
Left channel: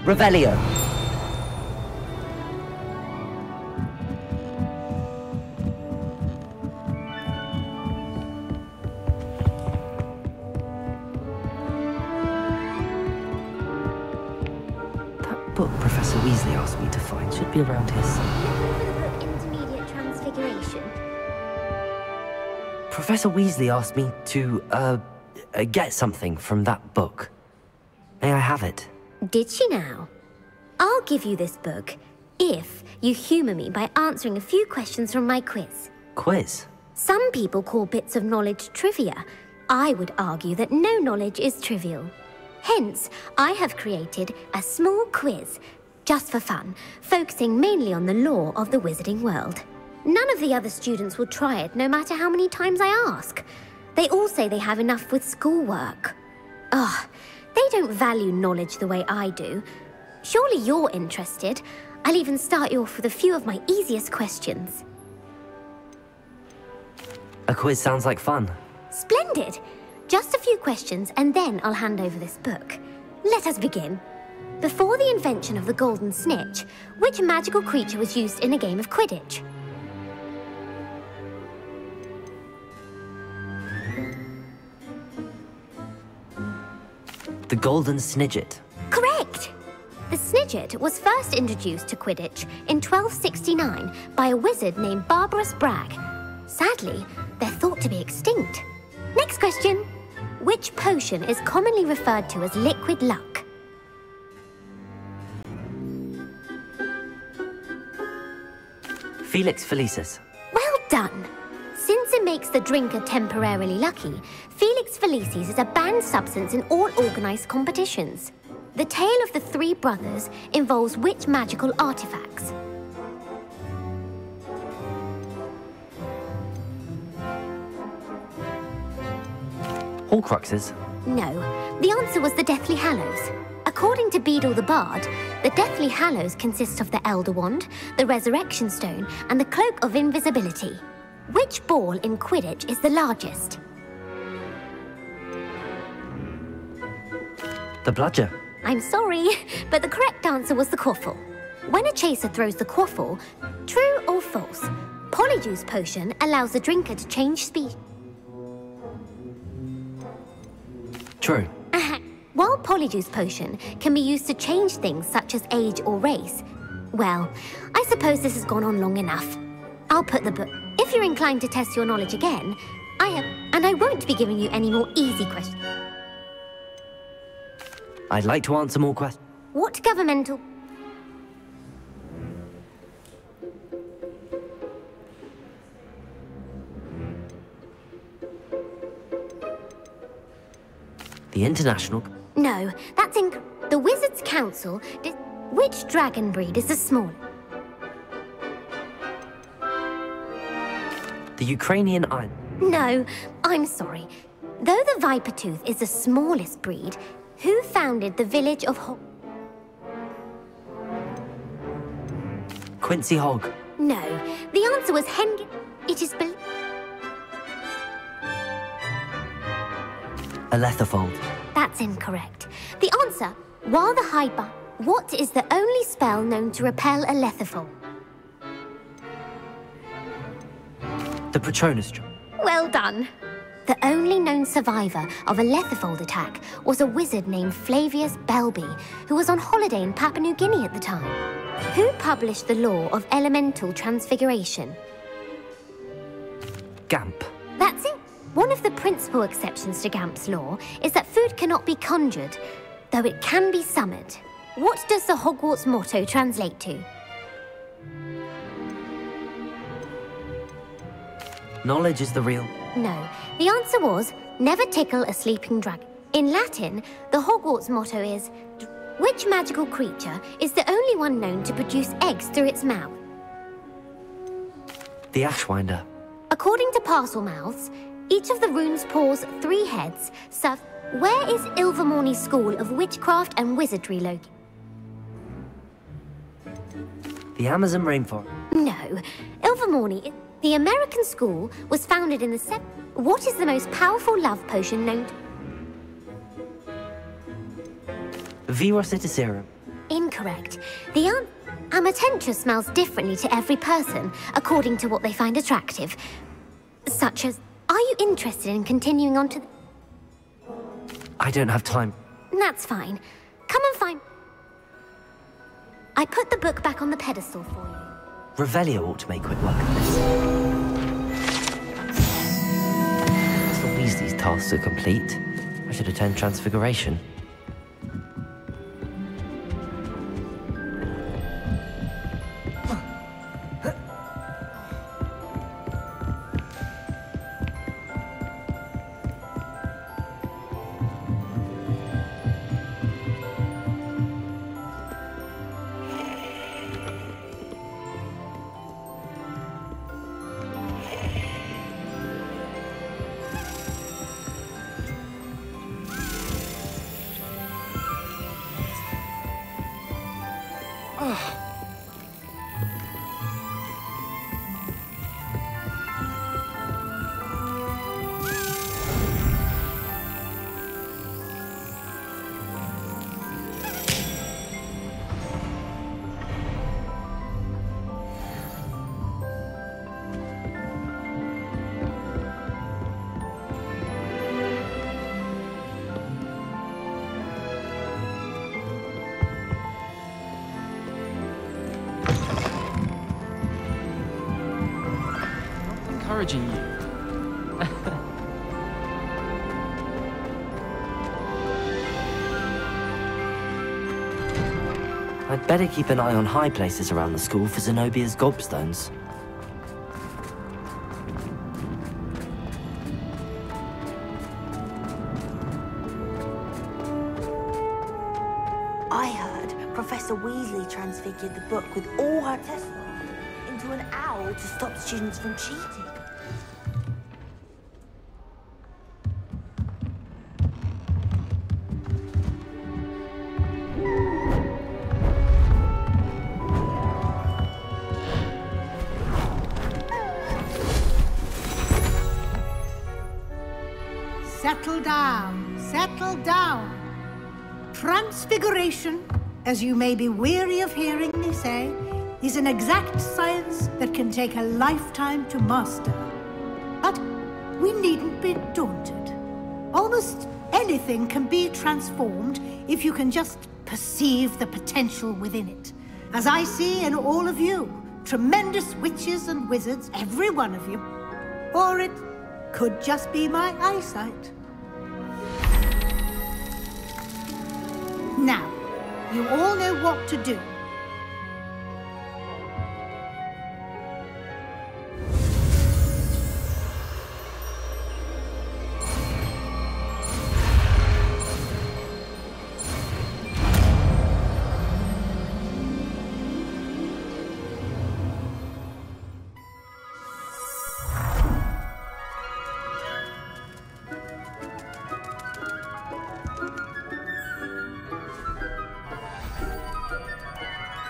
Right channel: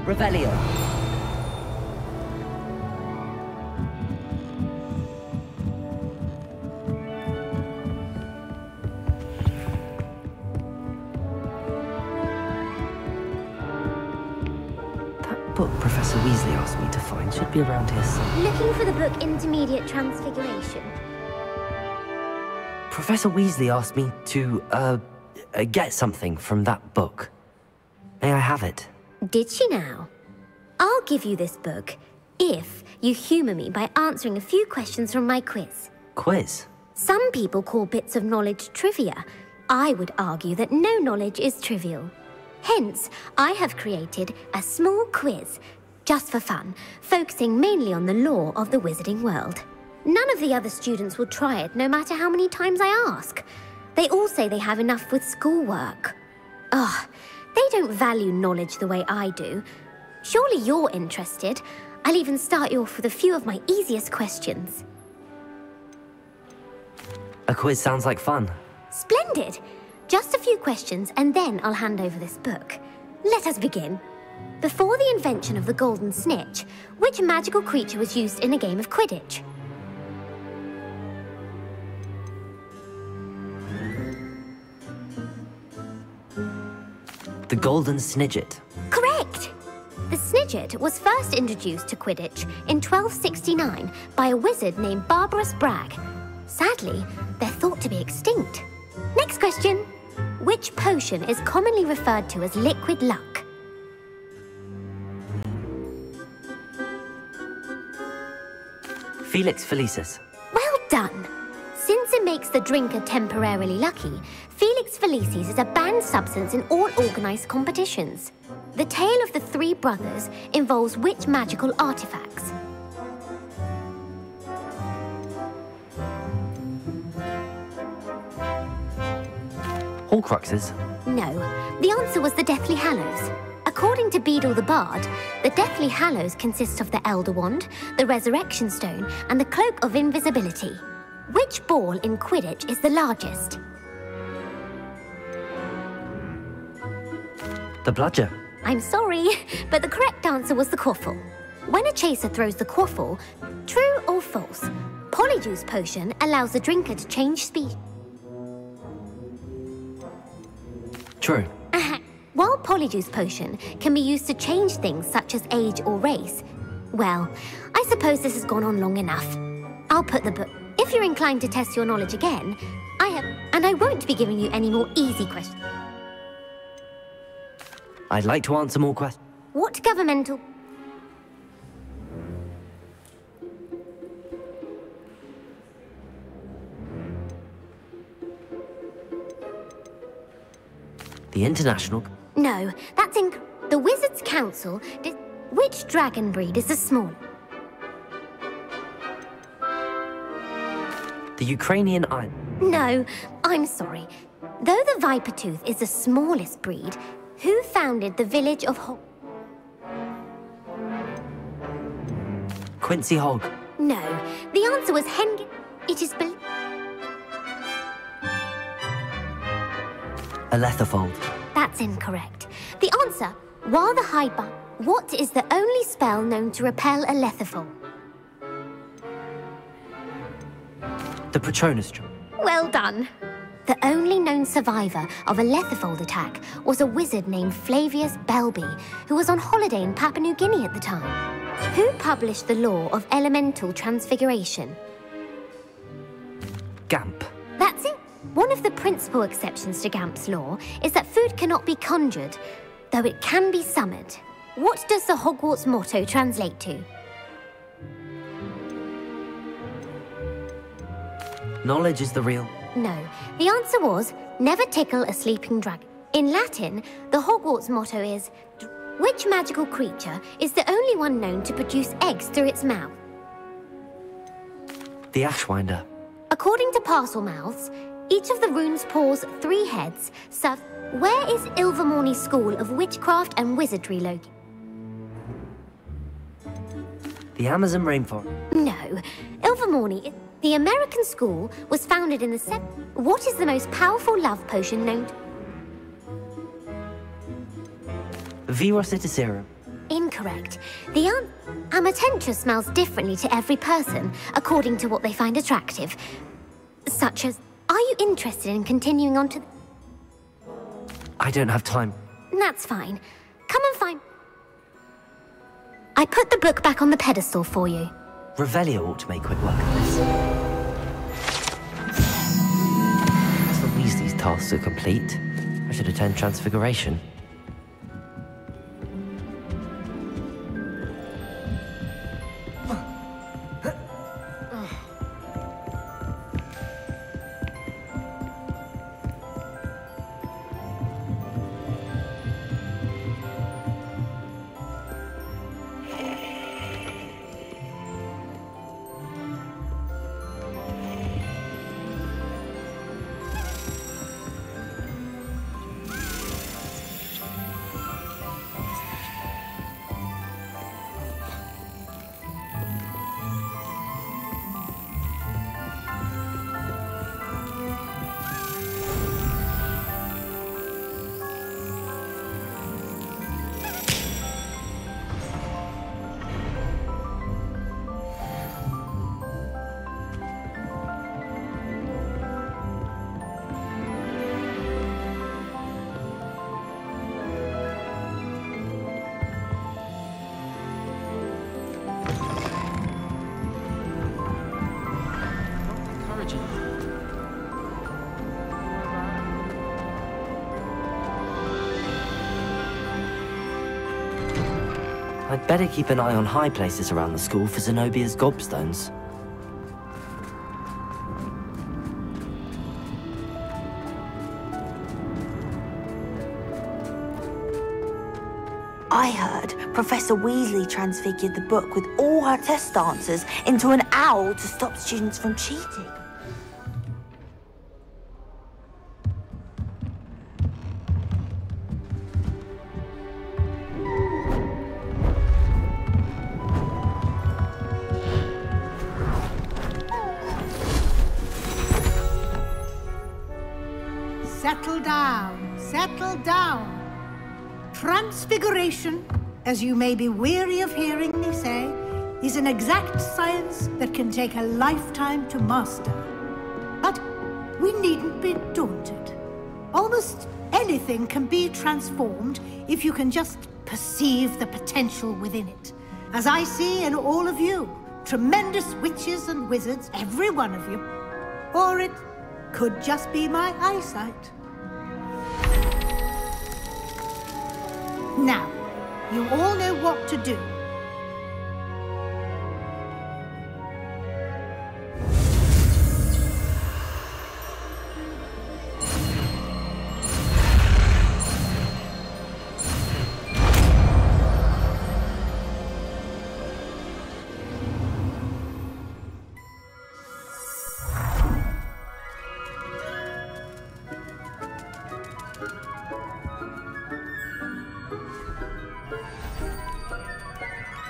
Revelio. That book Professor Weasley asked me to find should be around here somewhere. Looking for the book Intermediate Transfiguration? Professor Weasley asked me to, get something from that book. May I have it? Did she now? I'll give you this book if you humour me by answering a few questions from my quiz. Quiz? Some people call bits of knowledge trivia. I would argue that no knowledge is trivial. Hence, I have created a small quiz, just for fun, focusing mainly on the lore of the wizarding world. None of the other students will try it, no matter how many times I ask. They all say they have enough with schoolwork. Ugh, they don't value knowledge the way I do. Surely you're interested. I'll even start you off with a few of my easiest questions. A quiz sounds like fun. Splendid! Just a few questions and then I'll hand over this book. Let us begin. Before the invention of the golden snitch, which magical creature was used in a game of Quidditch? The golden snidget. Correct! The snidget was first introduced to Quidditch in 1269 by a wizard named Barbarous Bragg. Sadly, they're thought to be extinct. Next question. Which potion is commonly referred to as liquid luck? Felix Felicis. Well done! Since it makes the drinker temporarily lucky, Felix Felicis is a banned substance in all organised competitions. The tale of the three brothers involves which magical artifacts? Horcruxes? No, the answer was the Deathly Hallows. According to Beedle the Bard, the Deathly Hallows consist of the Elder Wand, the Resurrection Stone, and the Cloak of Invisibility. Which ball in Quidditch is the largest? The bludger. I'm sorry, but the correct answer was the quaffle. When a chaser throws the quaffle, true or false, Polyjuice Potion allows the drinker to change speed. True. While Polyjuice Potion can be used to change things such as age or race, well, I suppose this has gone on long enough. I'll put the book. If you're inclined to test your knowledge again, and I won't be giving you any more easy questions. I'd like to answer more questions. What governmental... The International... No, that's in... The Wizards' Council... Which dragon breed is the smallest? The Ukrainian Iron. No, I'm sorry. Though the Vipertooth is the smallest breed, who founded the village of Quincy Hogg. No, the answer was It is Aletherfold. That's incorrect. The answer, while the Hidebar... What is the only spell known to repel Aletherfold? The Patronus Charm. Well done. The only known survivor of a Aletherfold attack was a wizard named Flavius Belby, who was on holiday in Papua New Guinea at the time. Who published the law of elemental transfiguration? Gamp. That's it. One of the principal exceptions to Gamp's law is that food cannot be conjured, though it can be summoned. What does the Hogwarts motto translate to? Knowledge is the real... No, the answer was, never tickle a sleeping dragon. In Latin, the Hogwarts motto is, which magical creature is the only one known to produce eggs through its mouth? The Ashwinder. According to Parselmouths, each of the runes paws 3 heads, so where is Ilvermorny's School of Witchcraft and Wizardry located? The Amazon rainforest. No, Ilvermorny... The American school was founded in the What is the most powerful love potion known to... Virus Serum. Incorrect. The Amatentia smells differently to every person, according to what they find attractive. Such as, are you interested in continuing on to the... I don't have time. That's fine. Come and find... I put the book back on the pedestal for you. Revelio ought to make quick work of this. As the Weasley's tasks are complete, I should attend Transfiguration. Encouraging you. I'd better keep an eye on high places around the school for Zenobia's gobstones. I heard Professor Weasley transfigured the book with all her test answers into an owl to stop students from cheating. Settle down, settle down. Transfiguration, as you may be weary of hearing me say, is an exact science that can take a lifetime to master. But we needn't be daunted. Almost anything can be transformed if you can just perceive the potential within it. As I see in all of you, tremendous witches and wizards, every one of you. Or it could just be my eyesight. Now, you all know what to do.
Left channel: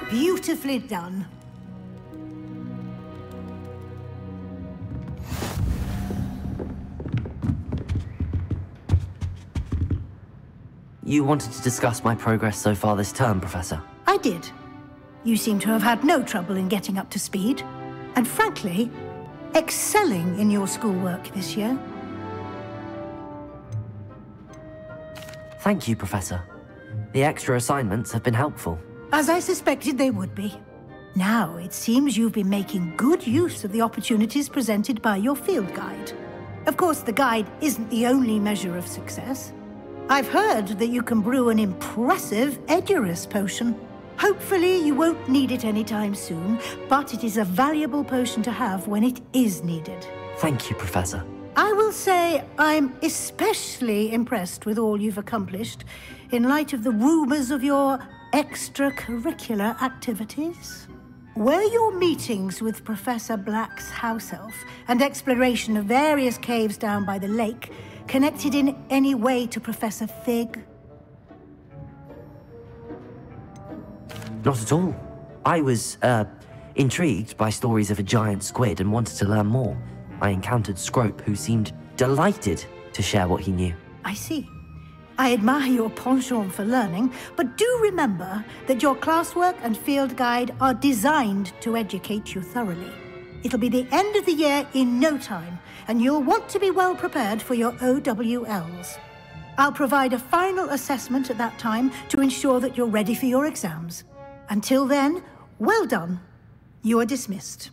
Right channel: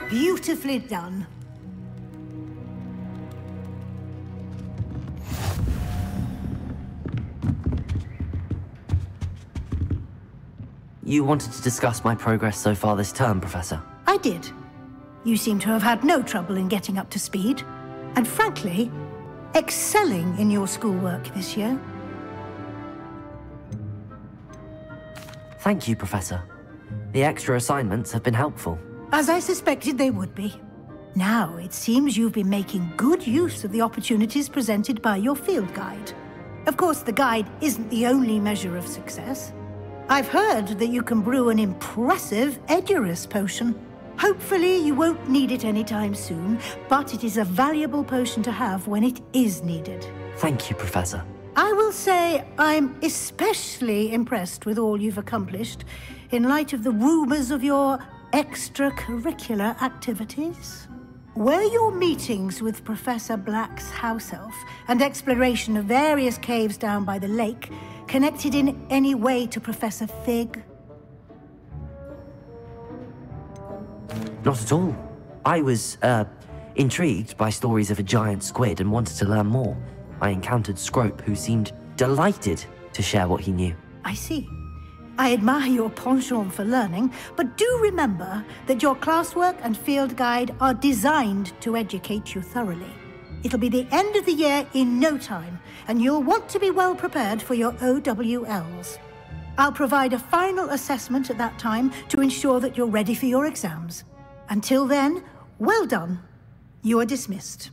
Beautifully done. You wanted to discuss my progress so far this term, Professor? I did. You seem to have had no trouble in getting up to speed, and frankly, excelling in your schoolwork this year. Thank you, Professor. The extra assignments have been helpful. As I suspected they would be. Now, it seems you've been making good use of the opportunities presented by your field guide. Of course, the guide isn't the only measure of success. I've heard that you can brew an impressive Edurus potion. Hopefully, you won't need it anytime soon, but it is a valuable potion to have when it is needed. Thank you, Professor. I will say I'm especially impressed with all you've accomplished in light of the rumors of your extracurricular activities. Were your meetings with Professor Black's house elf and exploration of various caves down by the lake connected in any way to Professor Fig? Not at all. I was, intrigued by stories of a giant squid and wanted to learn more. I encountered Scrope, who seemed delighted to share what he knew. I see. I admire your penchant for learning, but do remember that your classwork and field guide are designed to educate you thoroughly. It'll be the end of the year in no time, and you'll want to be well prepared for your OWLs. I'll provide a final assessment at that time to ensure that you're ready for your exams. Until then, well done. You are dismissed.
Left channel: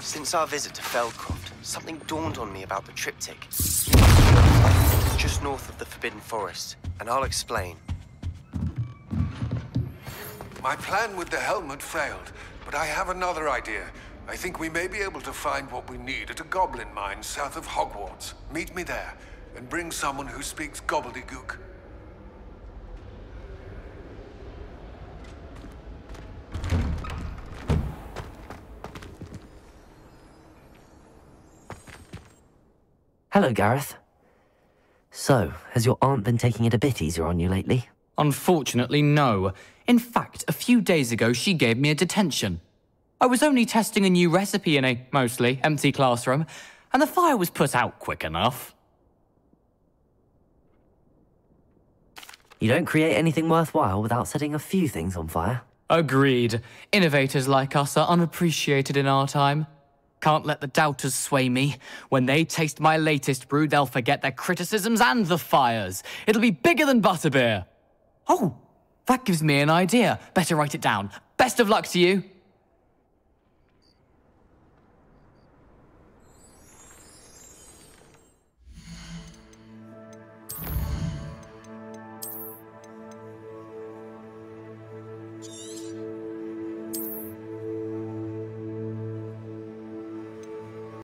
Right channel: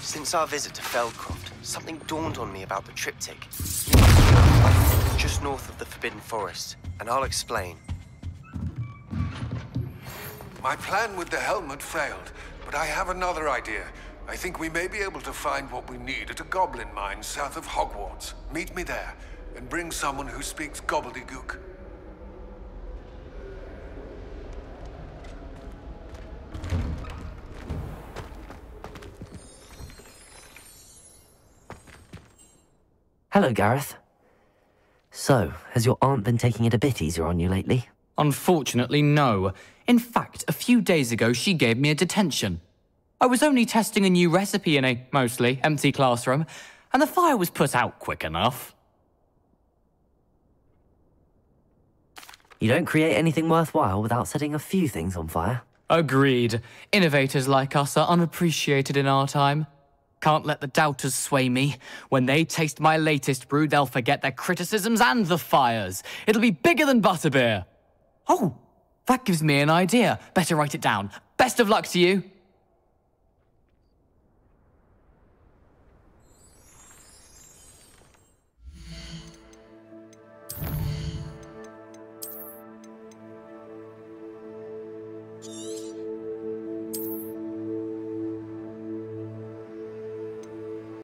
Since our visit to Feldcroft, something dawned on me about the triptych. Just north of the Forbidden Forest, and I'll explain. My plan with the helmet failed, but I have another idea. I think we may be able to find what we need at a goblin mine south of Hogwarts. Meet me there, and bring someone who speaks gobbledygook. Hello, Gareth. So, has your aunt been taking it a bit easier on you lately? Unfortunately, no. In fact, a few days ago, she gave me a detention. I was only testing a new recipe in a mostly empty classroom, and the fire was put out quick enough. You don't create anything worthwhile without setting a few things on fire. Agreed. Innovators like us are unappreciated in our time. Can't let the doubters sway me. When they taste my latest brew, they'll forget their criticisms and the fires. It'll be bigger than butterbeer. Oh, that gives me an idea. Better write it down. Best of luck to you.